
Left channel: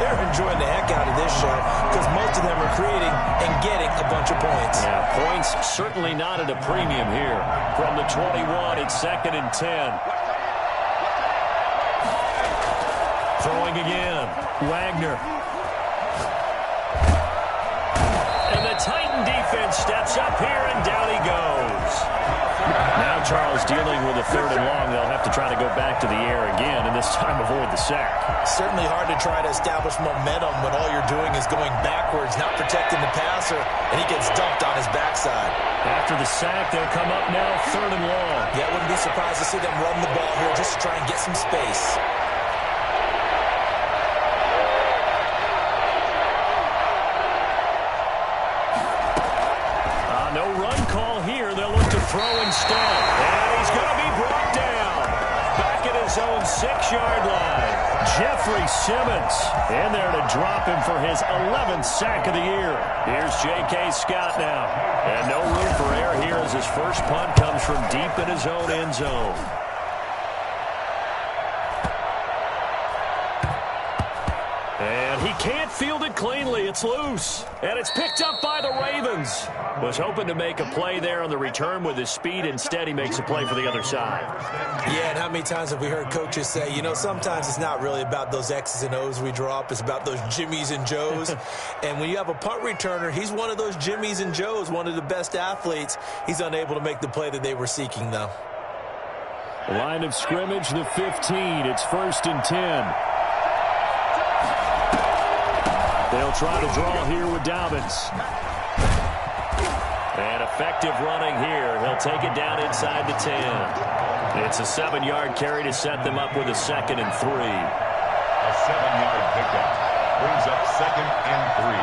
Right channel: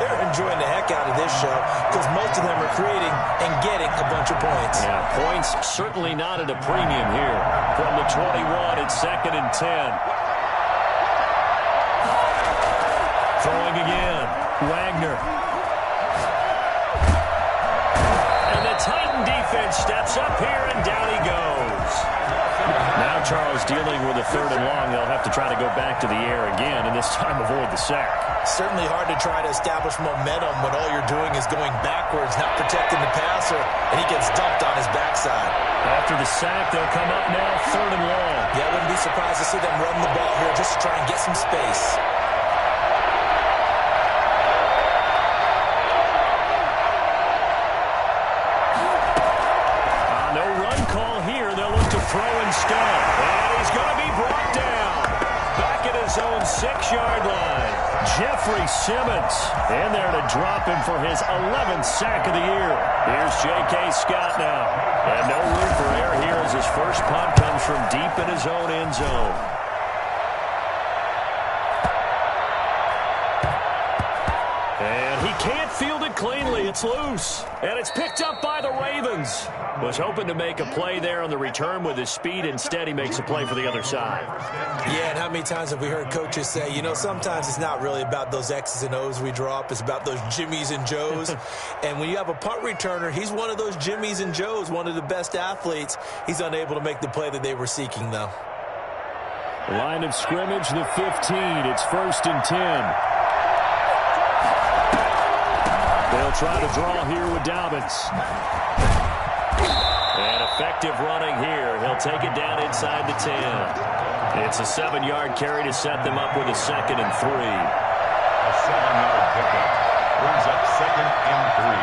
they're enjoying the heck out of this show because most of them are creating and getting a bunch of points. Yeah, points certainly not at a premium here. From the 21, it's 2nd and 10. Throwing again. Wagner. And the Titan defense steps up here, and down he goes. Now Charles dealing with a 3rd and long. They'll have to try to go back to the air again, and this time avoid the sack. Certainly hard to try to establish momentum when all you're doing is going backwards, not protecting the passer, and he gets dumped on his backside. After the sack, they'll come up now 3rd and long. Yeah, I wouldn't be surprised to see them run the ball here just to try and get some space. No run call here. They'll look to throw instead. And he's going to be brought down. Back at his own 6-yard line. Jeffrey Simmons in there to drop him for his 11th sack of the year. Here's J.K. Scott now. And no room for error here as his first punt comes from deep in his own end zone. And he can't field it cleanly. It's loose. And it's picked up by the Ravens. Was hoping to make a play there on the return with his speed. Instead, he makes a play for the other side. Yeah, and how many times have we heard coaches say, you know, sometimes it's not really about those X's and O's we drop. It's about those Jimmies and Joes. And when you have a punt returner, he's one of those Jimmies and Joes, one of the best athletes. He's unable to make the play that they were seeking, though. Line of scrimmage, the 15. It's 1st and 10. They'll try to draw here with Dobbins. And effective running here. He'll take it down inside the 10. It's a 7-yard carry to set them up with a 2nd and 3. A 7-yard pickup brings up 2nd and 3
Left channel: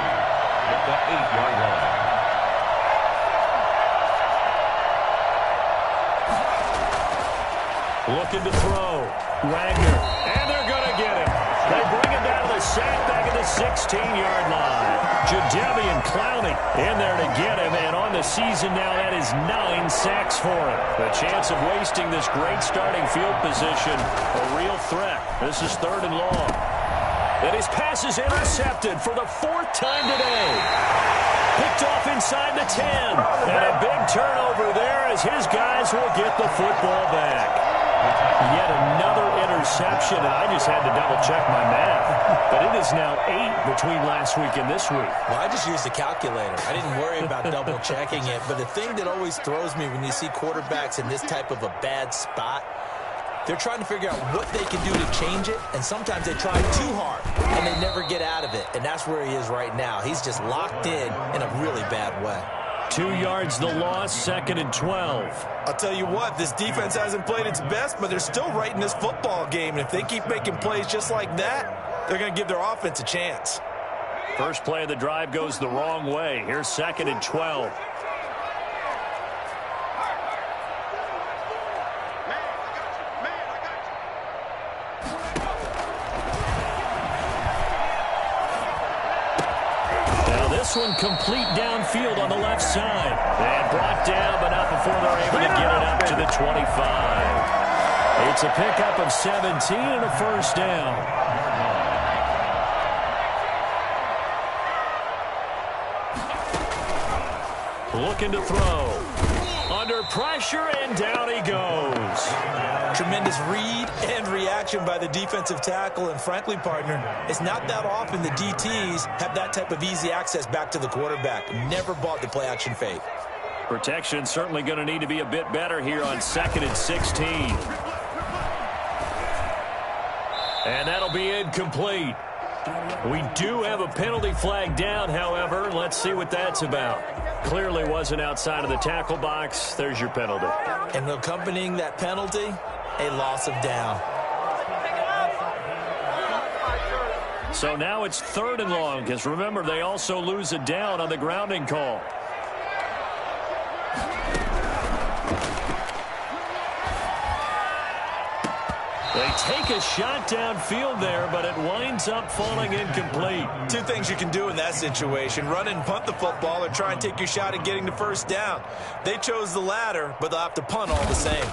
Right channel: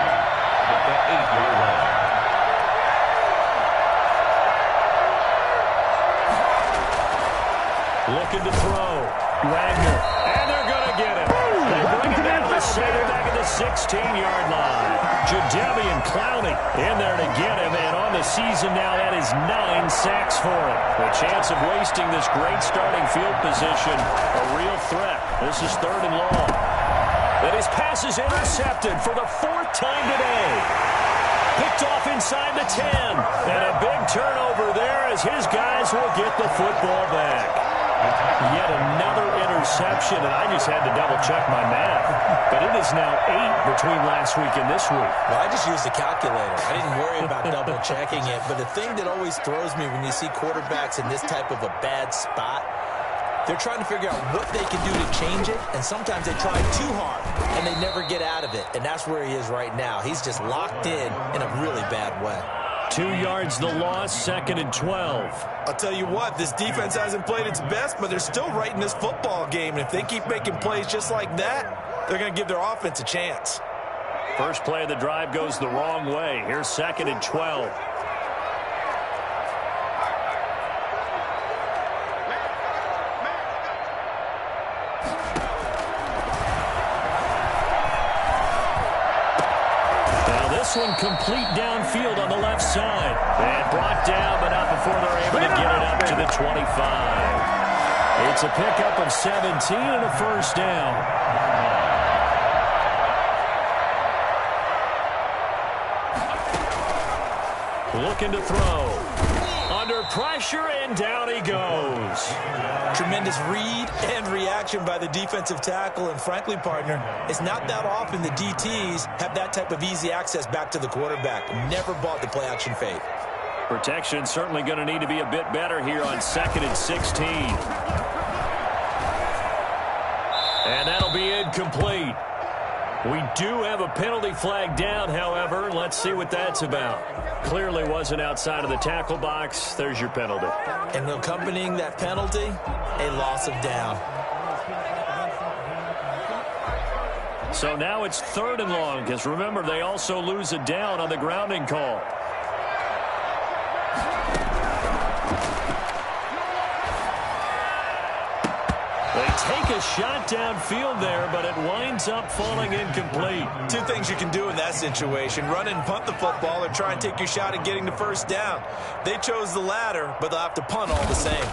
at the 8-yard line. Looking to throw. Wagner. And they're going to get him. They bring him down to the sandbag at the 16-yard line. Jadeveon Clowney in there to get him. And on the season now, that is 9 sacks for him. The chance of wasting this great starting field position, a real threat. This is 3rd and long. And his pass is intercepted for the 4th time today. Picked off inside the 10. And a big turnover there as his guys will get the football back. Yet another interception, and I just had to double-check my math. But it is now 8 between last week and this week. Well, I just used a calculator. I didn't worry about double-checking it. But the thing that always throws me when you see quarterbacks in this type of a bad spot, they're trying to figure out what they can do to change it, and sometimes they try too hard, and they never get out of it. And that's where he is right now. He's just locked in a really bad way. 2 yards the loss, 2nd and 12. I'll tell you what, this defense hasn't played its best, but they're still right in this football game. And if they keep making plays just like that, they're going to give their offense a chance. First play of the drive goes the wrong way. Here's 2nd and 12. This one complete downfield on the left side. And brought down, but not before they're able to get it up to the 25. It's a pickup of 17 and a first down. Looking to throw. Under pressure, and down he goes. Tremendous read and reaction by the defensive tackle. And frankly, partner, it's not that often the DTs have that type of easy access back to the quarterback. Never bought the play action fake. Protection certainly going to need to be a bit better here on 2nd and 16. And that'll be incomplete. We do have a penalty flag down, however. Let's see what that's about. Clearly wasn't outside of the tackle box. There's your penalty. And accompanying that penalty, a loss of down. So now it's 3rd and long, because remember, they also lose a down on the grounding call. They take a shot downfield there, but it winds up falling incomplete. Two things you can do in that situation: run and punt the football, or try and take your shot at getting the first down. They chose the latter, but they'll have to punt all the same.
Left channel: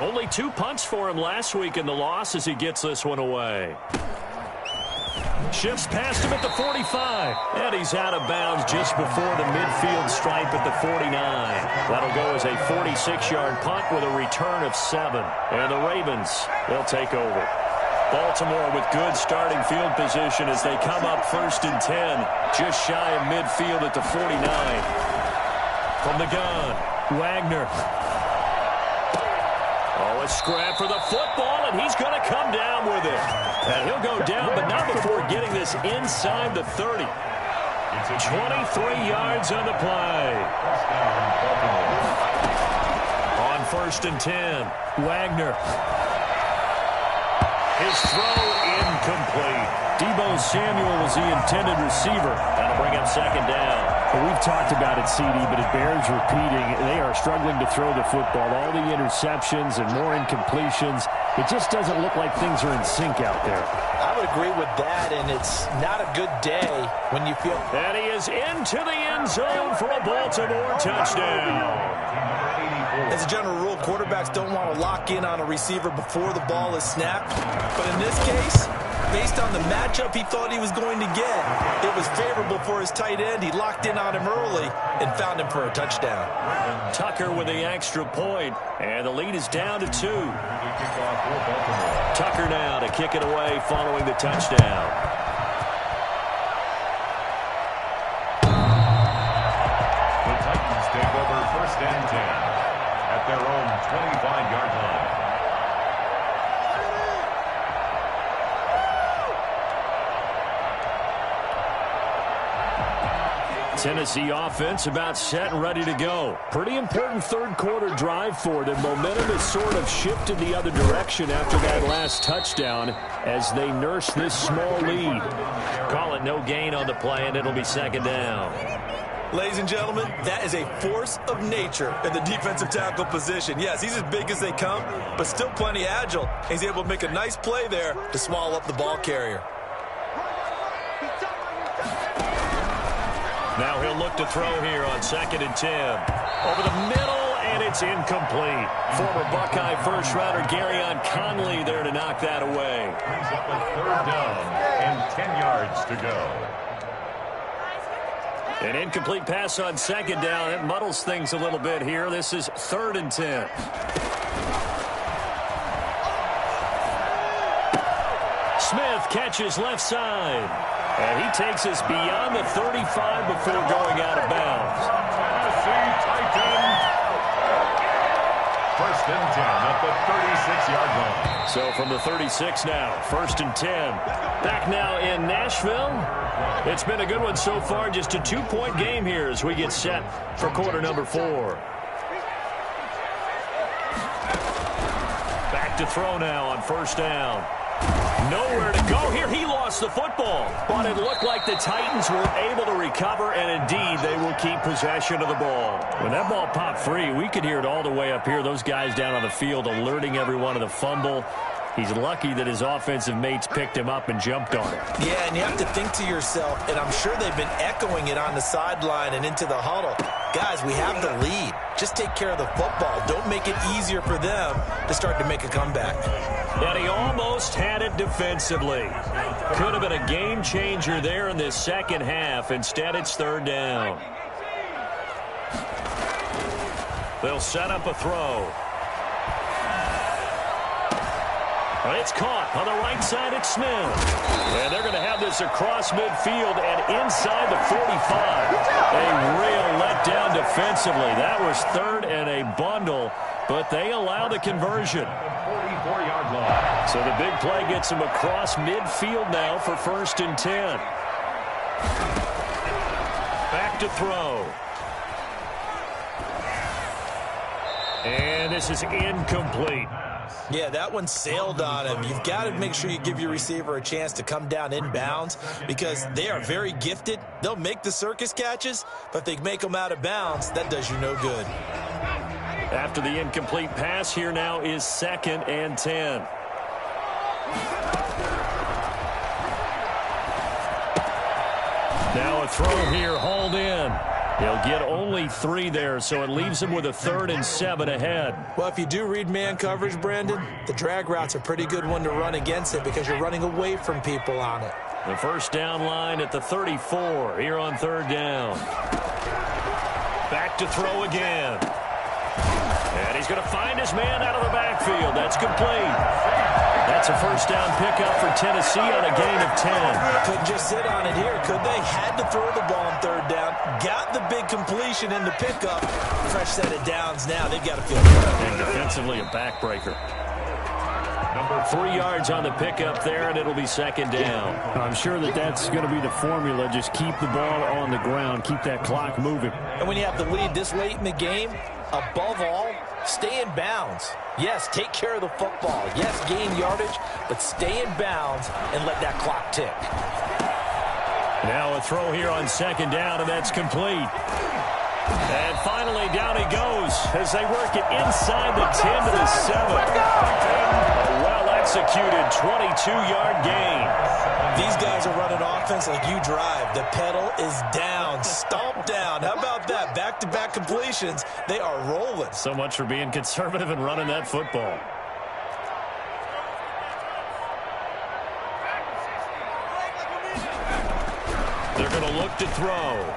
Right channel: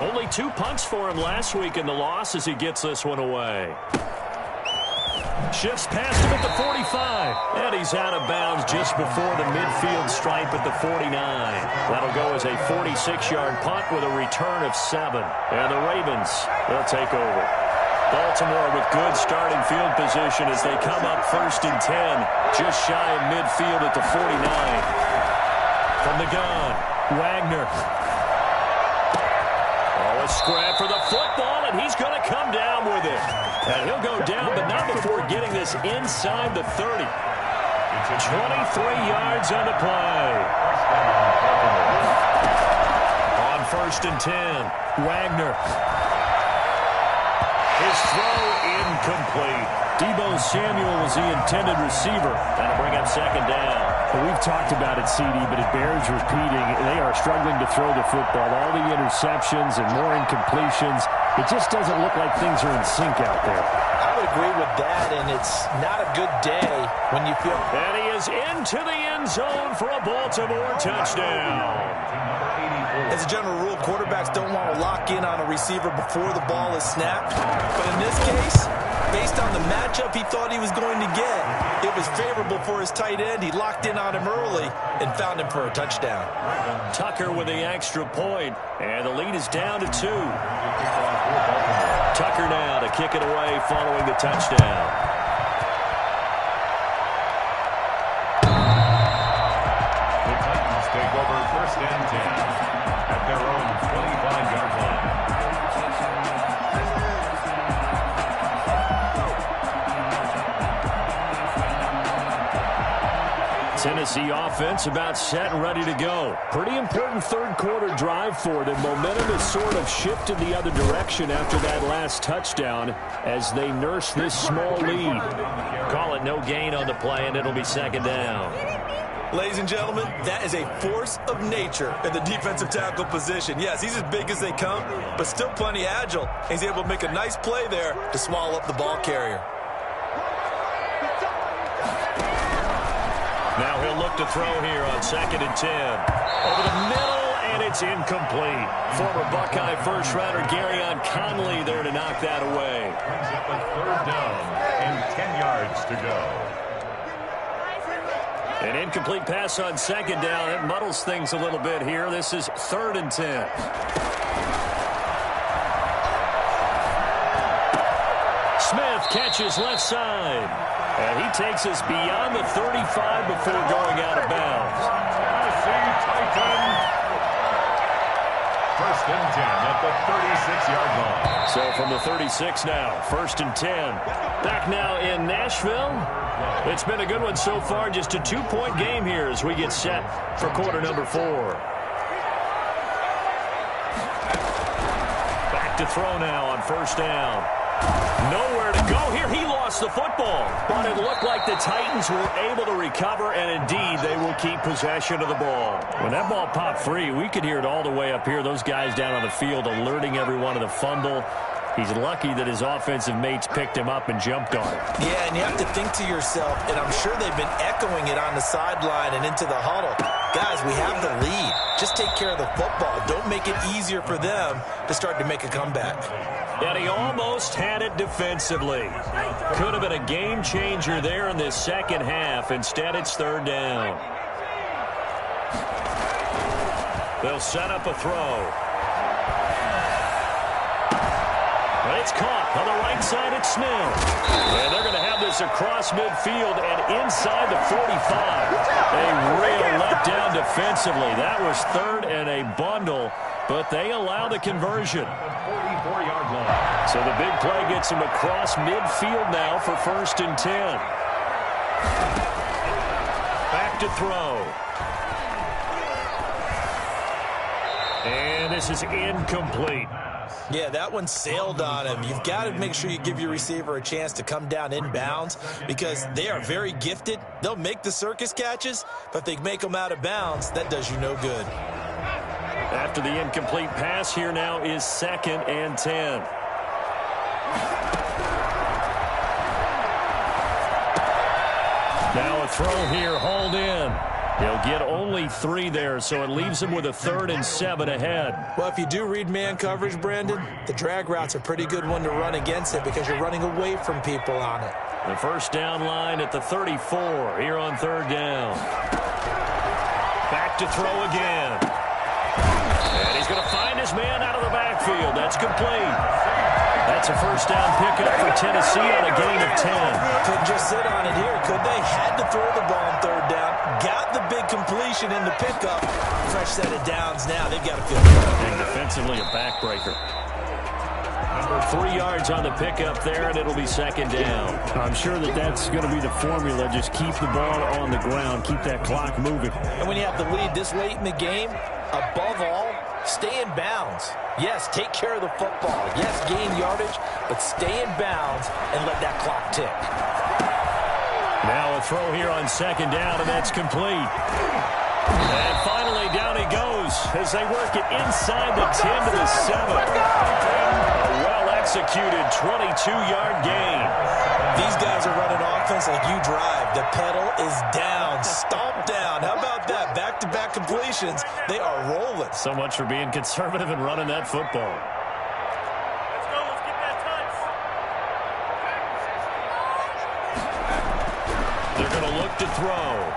Only 2 punts for him last week in the loss as he gets this one away. Shifts past him at the 45. And he's out of bounds just before the midfield stripe at the 49. That'll go as a 46-yard punt with a return of 7. And the Ravens, they'll take over. Baltimore with good starting field position as they come up 1st and 10. Just shy of midfield at the 49. From the gun, Wagner. Oh, a scrap for the football, and he's going to come down with it. And he'll go down, but not before getting this inside the 30. 23 yards on the play. On 1st and 10, Wagner. His throw incomplete. Deebo Samuel was the intended receiver. That'll bring up 2nd down. Well, we've talked about it, CD, but it bears repeating. They are struggling to throw the football. All the interceptions and more incompletions. It just doesn't look like things are in sync out there. I would agree with that, and it's not a good day when you feel... And he is into the end zone for a Baltimore touchdown. As a general rule, quarterbacks don't want to lock in on a receiver before the ball is snapped. But in this case, based on the matchup he thought he was going to get, it was favorable for his tight end. He locked in on him early and found him for a touchdown. Tucker with the extra point, and the lead is down to 2. Tucker now to kick it away following the touchdown. The Titans take over 1st and 10 at their own 25-yard line. Tennessee offense about set and ready to go. Pretty important 3rd quarter drive for them. Momentum has sort of shifted the other direction after that last touchdown as they nurse this small lead. Call it no gain on the play, and it'll be 2nd down. Ladies and gentlemen, that is a force of nature in the defensive tackle position. Yes, he's as big as they come, but still plenty agile. He's able to make a nice play there to swallow up the ball carrier. Now he'll look to throw here on 2nd and 10. Over the middle, and it's incomplete. Former Buckeye first-rounder Garyon Conley there to knock that away. Brings up a 3rd down and 10 yards to go. An incomplete pass on 2nd down. It muddles things a little bit here. This is 3rd and 10. Smith catches left side. And he takes us beyond the 35 before going out of bounds. Tennessee Titans first and 10 at the 36-yard line. So from the 36 now, first and 10. Back now in Nashville. It's been a good one so far. Just a 2-point game here as we get set for quarter number 4. Back to throw now on first down. Nowhere to go here. He lost the football. But it looked like the Titans were able to recover, and indeed they will keep possession of the ball. When that ball popped free, we could hear it all the way up here. Those guys down on the field alerting everyone of the fumble. He's lucky that his offensive mates picked him up and jumped on it. Yeah, and you have to think to yourself, and I'm sure they've been echoing it on the sideline and into the huddle. Guys, we have the lead. Just take care of the football. Don't make it easier for them to start to make a comeback. And he almost had it defensively. Could have been a game changer there in this second half. Instead, it's third down. They'll set up a throw. But it's caught on the right side. It's Smith. And they're going to have this across midfield and inside the 45. A real letdown defensively. That was third and a bundle, but they allow the conversion. 44-yard line. So the big play gets him across midfield now for first and 10. Back to throw. And this is incomplete. Yeah, that one sailed on him. You've got to make sure you give your receiver a chance to come down inbounds because they are very gifted. They'll make the circus catches, but if they make them out of bounds, that does you no good. After the incomplete pass, here now is second and 10. Now a throw here, hauled in. He'll get only 3 there, so it leaves him with a 3rd and 7 ahead. Well, if you do read man coverage, Brandon, the drag route's a pretty good one to run against it because you're running away from people on it. The first down line at the 34 here on third down. Back to throw again. And he's going to find his man out of the backfield. That's complete. That's a first down pickup for Tennessee on a gain of 10. Couldn't just sit on it here, could they? Had to throw the ball on third down. Got the big completion in the pickup. Fresh set of downs now. They've got to feel good. And defensively a backbreaker. 3 yards on the pickup there, and it'll be second down. I'm sure that's going to be the formula. Just keep the ball on the ground. Keep that clock moving. And when you have the lead this late in the game, above all, stay in bounds. Yes, take care of the football. Yes, gain yardage, but stay in bounds and let that clock tick. Now a throw here on second down, and that's complete. And finally, down he goes as they work it inside the 10 to the 7. A well-executed 22-yard gain. These guys are running offense like you drive. The pedal is down, stomp down. How about that? Back-to-back completions. They are rolling. So much for being conservative and running that football. They're going to look to throw.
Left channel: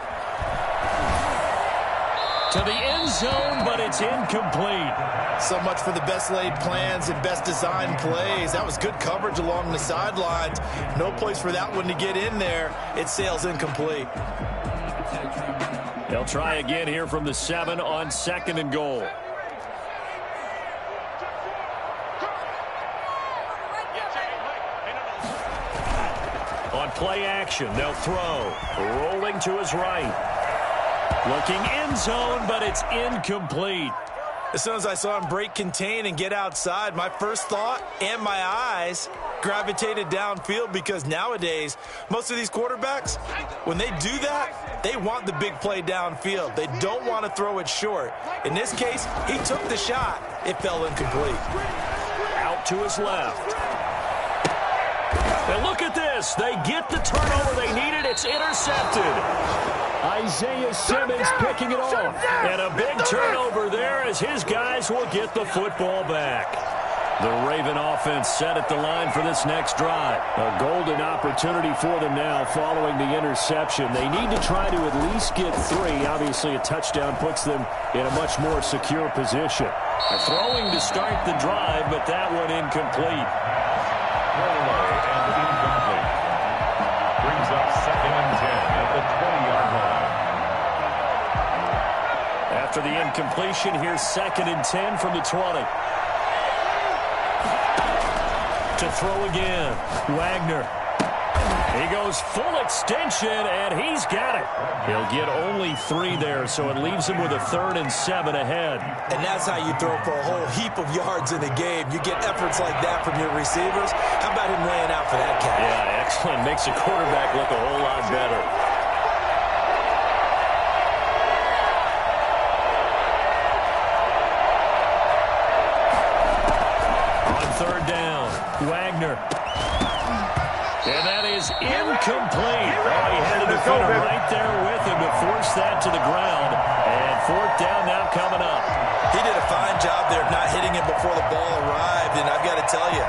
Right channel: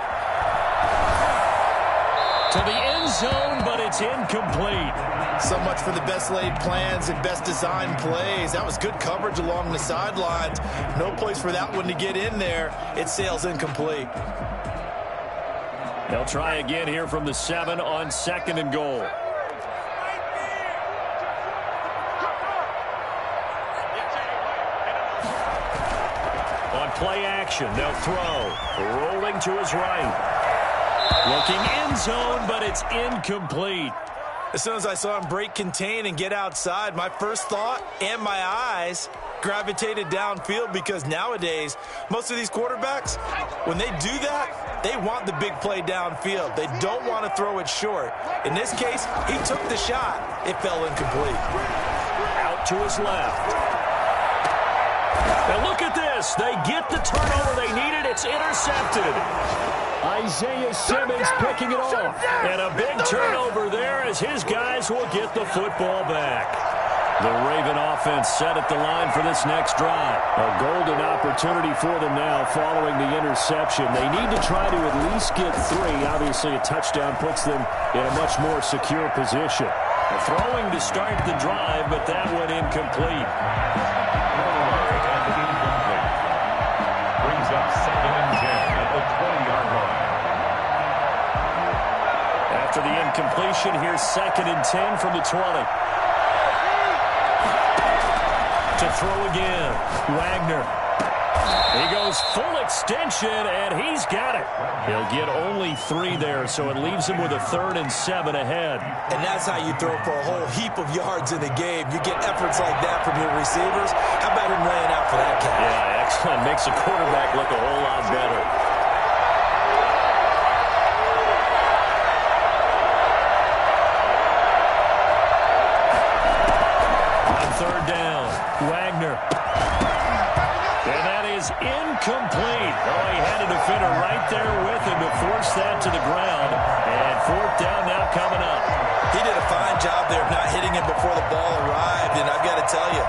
To the end zone, but it's incomplete. So much for the best laid plans and best designed plays. That was good coverage along the sidelines. No place for that one to get in there. It sails incomplete. They'll try again here from the 7 on second and goal. On play action, they'll throw. Rolling to his right. Looking end zone, but it's incomplete. As soon as I saw him break contain and get outside, my first thought and my eyes gravitated downfield because nowadays, most of these quarterbacks, when they do that, they want the big play downfield. They don't want to throw it short. In this case, he took the shot. It fell incomplete. Out to his left. And look at this. They get the turnover they needed. It's intercepted. Isaiah Simmons picking it off. And a big turnover there as his guys will get the football back. The Raven offense set at the line for this next drive. A golden opportunity for them now following the interception. They need to try to at least get 3. Obviously, a touchdown puts them in a much more secure position. A throwing to start the drive, but that one incomplete. Throwaway and incomplete. Brings up second and 10 at the 20-yard line. After the incompletion, here's 2nd and 10 from the 20. To throw again, Wagner. He goes full extension, and he's got it. He'll get only 3 there, so it leaves him with a 3rd and 7 ahead. And that's how you throw for a whole heap of yards in a game. You get efforts like that from your receivers. How about him laying out for that catch? Yeah, excellent. Makes a quarterback look a whole lot better. On 3rd down, Wagner. And that is incomplete. Oh, he had a defender right there with him to force that to the ground. And 4th down now coming up. He did a fine job there of not hitting him before the ball arrived. And I've got to tell you,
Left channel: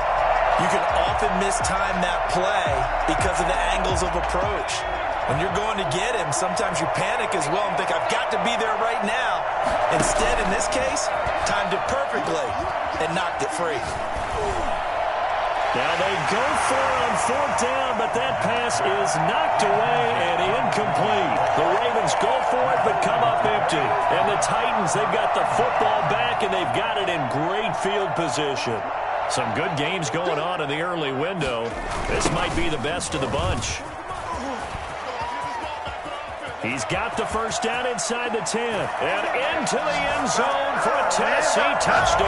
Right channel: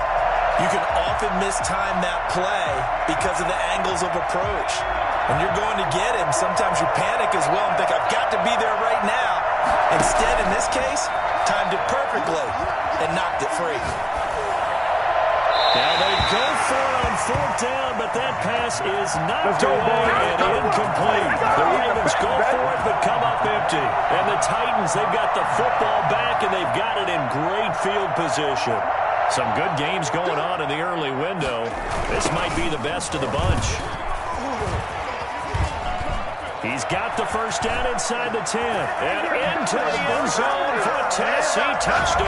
you can often mistime that play because of the angles of approach. When you're going to get him, sometimes you panic as well and think, I've got to be there right now. Instead, in this case, timed it perfectly and knocked it free. Now they go for it on 4th down, but that pass is knocked away and incomplete. The Ravens go for it, but come up empty. And the Titans, they've got the football back, and they've got it in great field position. Some good games going on in the early window. This might be the best of the bunch. He's got the 1st down inside the 10. And into the end zone for a Tennessee touchdown.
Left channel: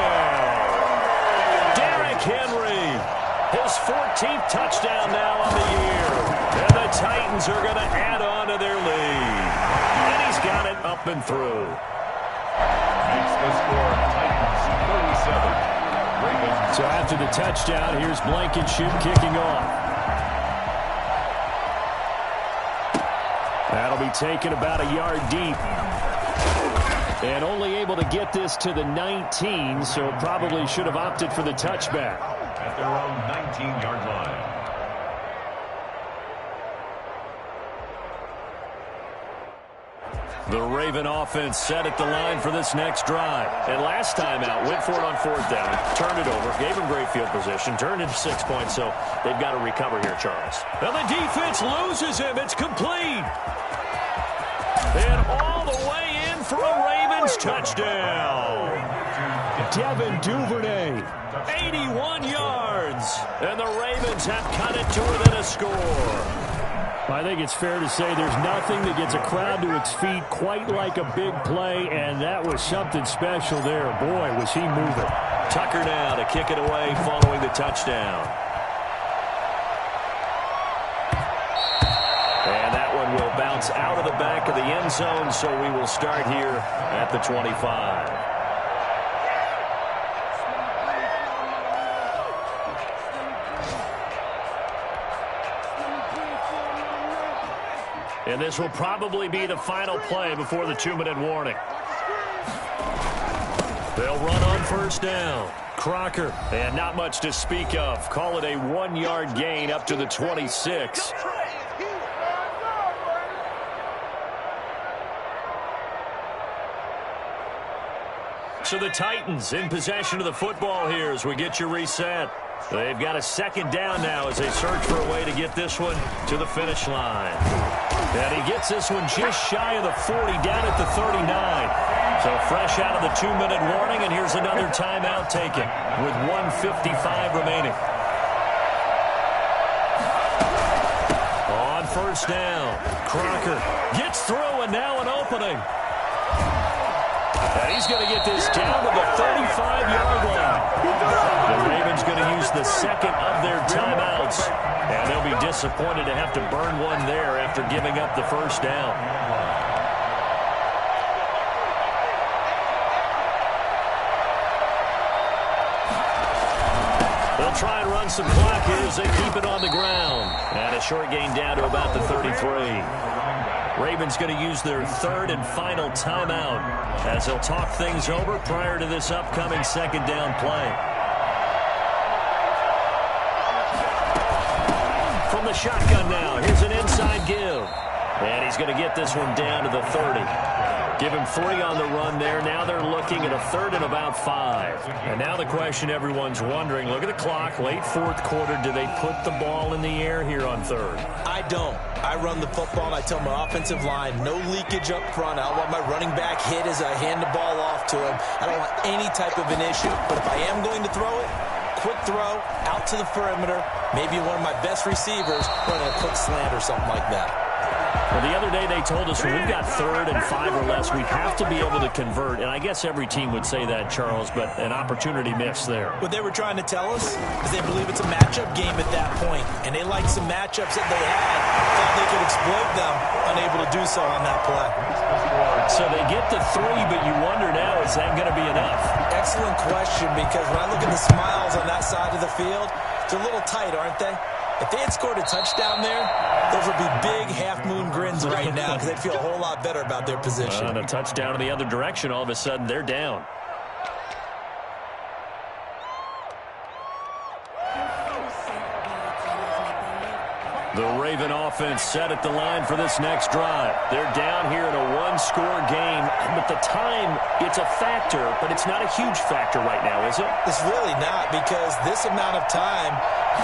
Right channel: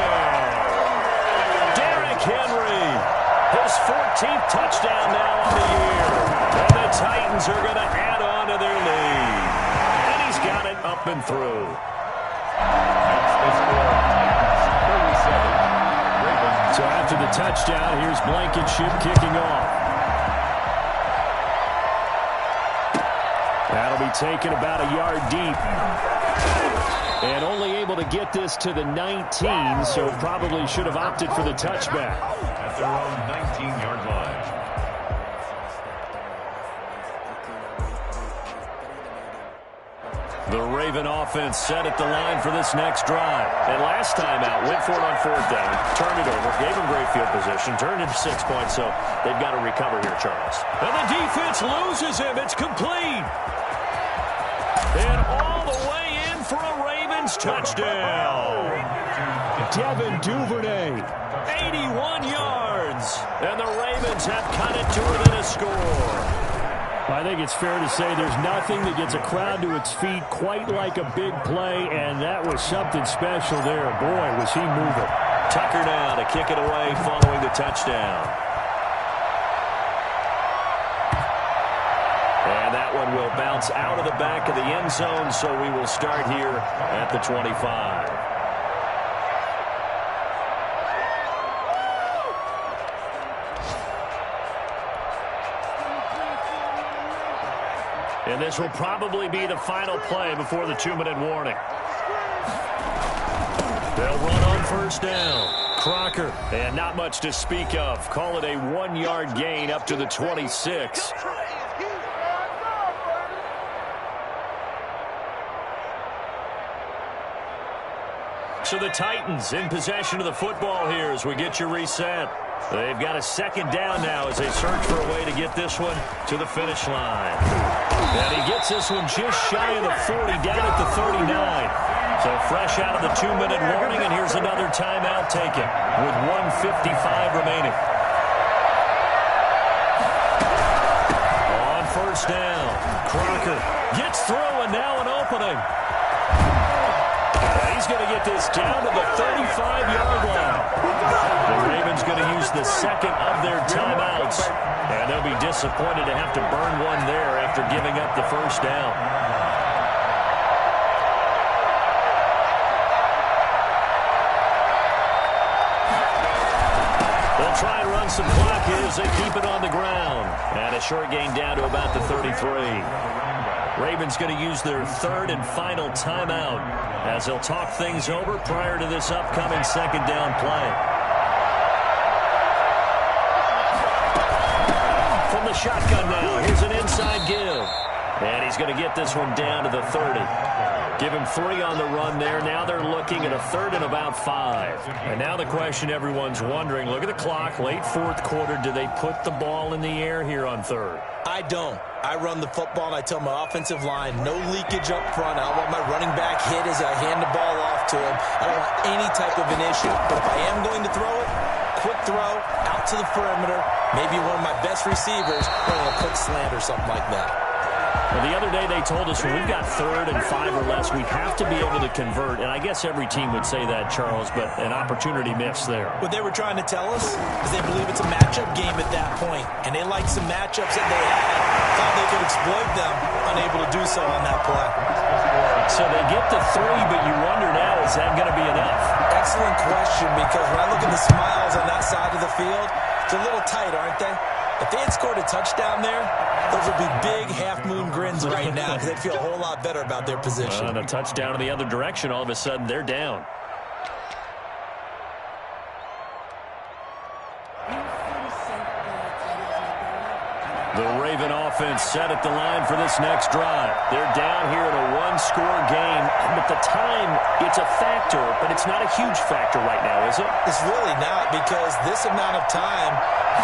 Derrick Henry. His 14th touchdown now on the year. And the Titans are going to add on to their lead. And he's got it up and through. Makes the score Titans 37. Ravens. So after the touchdown, here's Blankenship kicking off. That'll be taken about a yard deep. And only able to get this to the 19, so probably should have opted for the touchback. At their own 19-yard line. The Raven offense set at the line for this next drive. And last time out, went for it on 4th down, turned it over, gave him great field position, turned it 6 points, so they've got to recover here, Charles. And the defense loses him. It's complete. And all the way in for a Ravens touchdown. Devin Duvernay. 81 yards. And the Ravens have cut it to within a score. I think it's fair to say there's nothing that gets a crowd to its feet quite like a big play, and that was something special there. Boy, was he moving. Tucker now to kick it away following the touchdown. And that one will bounce out of the back of the end zone, so we will start here at the 25. And this will probably be the final play before the 2-minute warning. They'll run on 1st down. Crocker, and not much to speak of. Call it a 1-yard gain up to the 26. So the Titans in possession of the football here as we get you reset. They've got a 2nd down now as they search for a way to get this one to the finish line. And he gets this one just shy of the 40, down at the 39. So fresh out of the 2-minute warning, and here's another timeout taken with 1:55 remaining. On 1st down, Crocker gets through, and now an opening. And he's going to get this down to the 35-yard line. The Ravens going to use the 2nd of their timeouts. And they'll be disappointed to have to burn one there after giving up the 1st down. They'll try and run some clock here as they keep it on the ground. And a short gain down to about the 33. Ravens going to use their 3rd and final timeout as they'll talk things over prior to this upcoming 2nd down play. From the shotgun now, here's an inside give. And he's going to get this one down to the 30. Give him 3 on the run there. Now they're looking at a 3rd and about 5. And now the question everyone's wondering, look at the clock, late 4th quarter. Do they put the ball in the air here on 3rd? I don't. I run the football, and I tell my offensive line, no leakage up front. I don't want my running back hit as I hand the ball off to him. I don't want any type of an issue. But if I am going to throw it, quick throw, out to the perimeter, maybe one of my best receivers running a quick slant or something like that. Well, the other day they told us when we've got 3rd and 5 or less, we have to be able to convert. And I guess every team would say that, Charles, but an opportunity missed there. What they were trying to tell us is they believe it's a matchup game at that point, and they liked some matchups that they had, thought they could exploit them, unable to do so on that play. So they get the 3, but you wonder now, is that going to be enough? Excellent question, because when I look at the smiles on that side of the field, they're a little tight, aren't they? If they had scored a touchdown there, those would be big half-moon grins right now because they'd feel a whole lot better about their position. And a touchdown in the other direction, all of a sudden they're down. The Raven offense set at the line for this next drive. They're down here in a 1-score game, but the time, it's a factor, but it's not a huge factor right now, is it? It's really not, because this amount of time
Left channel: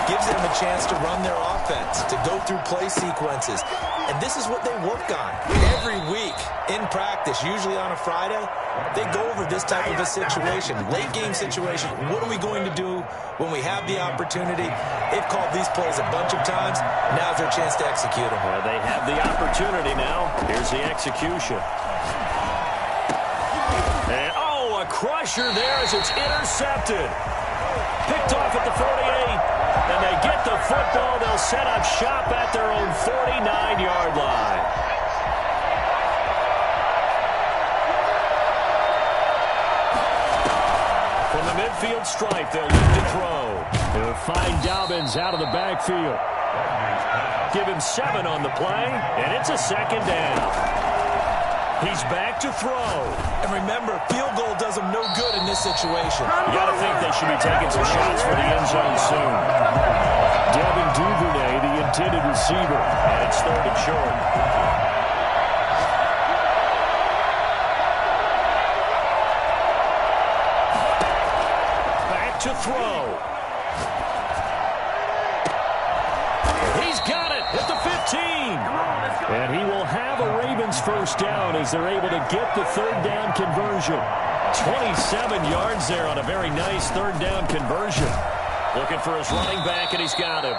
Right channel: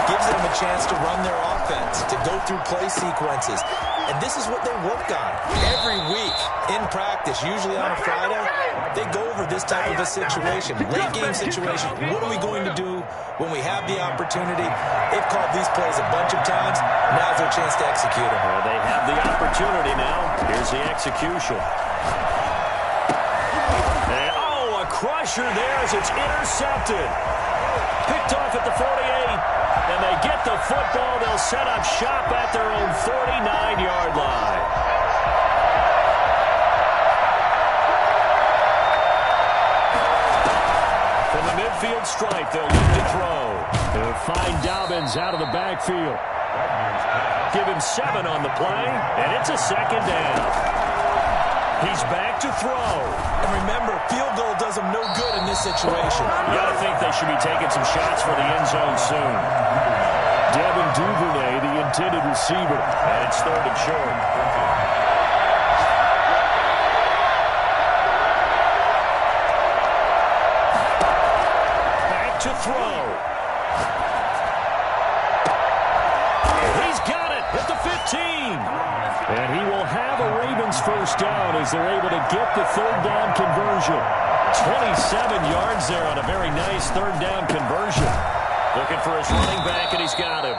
gives them a chance to run their offense, to go through play sequences. And this is what they work on every week in practice, usually on a Friday. They go over this type of a situation, late game situation. What are we going to do when we have the opportunity? They've called these plays a bunch of times. Now's their chance to execute them. Well, they have the opportunity now. Here's the execution. And, oh, a crusher there as it's intercepted. Picked off at the 48. And they get the football. They'll set up shop at their own 49-yard line. From the midfield stripe, they'll look to throw. They'll find Dobbins out of the backfield. Give him 7 on the play, and it's a 2nd down. He's back to throw. And remember, field goal does them no good in this situation. You got to think they should be taking some shots for the end zone soon. Devin Duvernay, the intended receiver. And it's 3rd and short. Back to throw. He's got it at the 15. And he will have a Ravens first down as they're able to get the 3rd down conversion. 27 yards there on a very nice 3rd down conversion. Looking for his running back, and he's got him.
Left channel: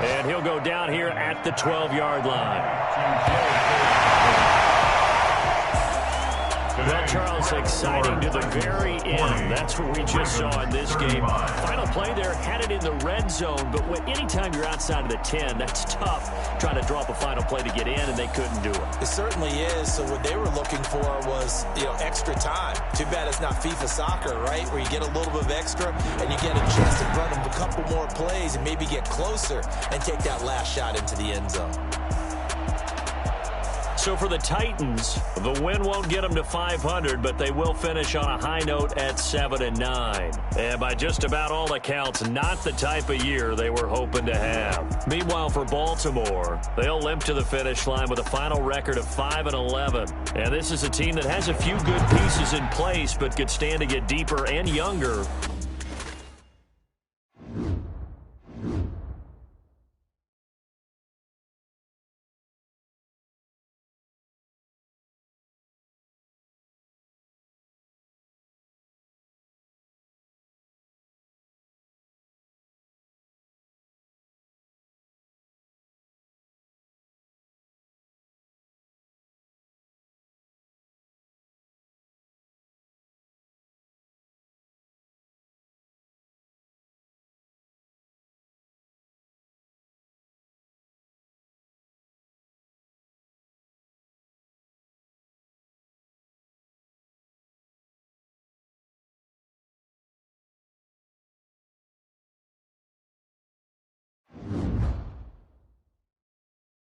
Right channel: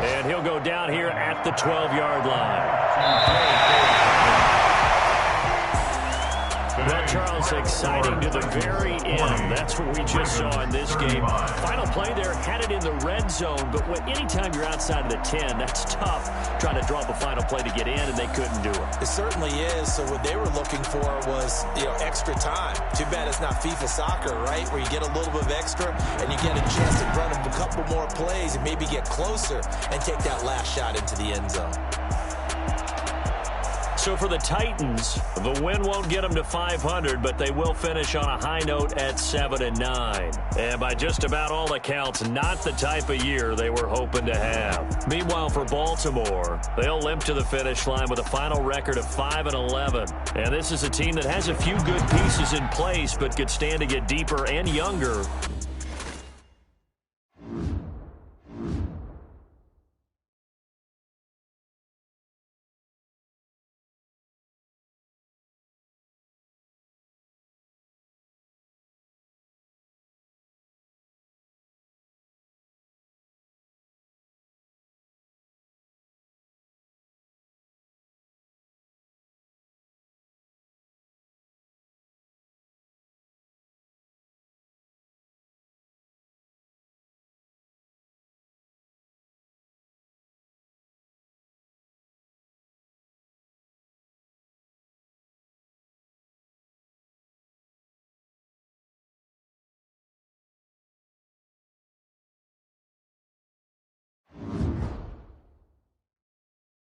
And he'll go down here at the 12-yard line. Well, Charles, exciting to the very end. That's what we just saw in this game. Final play there, had it in the red zone, but anytime you're outside of the 10, that's tough trying to draw up a final play to get in, and they couldn't do it. It certainly is. So what they were looking for was, extra time. Too bad it's not FIFA soccer, right, where you get a little bit of extra and you get a chance to run a couple more plays and maybe get closer and take that last shot into the end zone. So for the Titans, the win won't get them to 500, but they will finish on a high note at 7-9. And by just about all accounts, not the type of year they were hoping to have. Meanwhile, for Baltimore, they'll limp to the finish line with a final record of 5-11. And this is a team that has a few good pieces in place, but could stand to get deeper and younger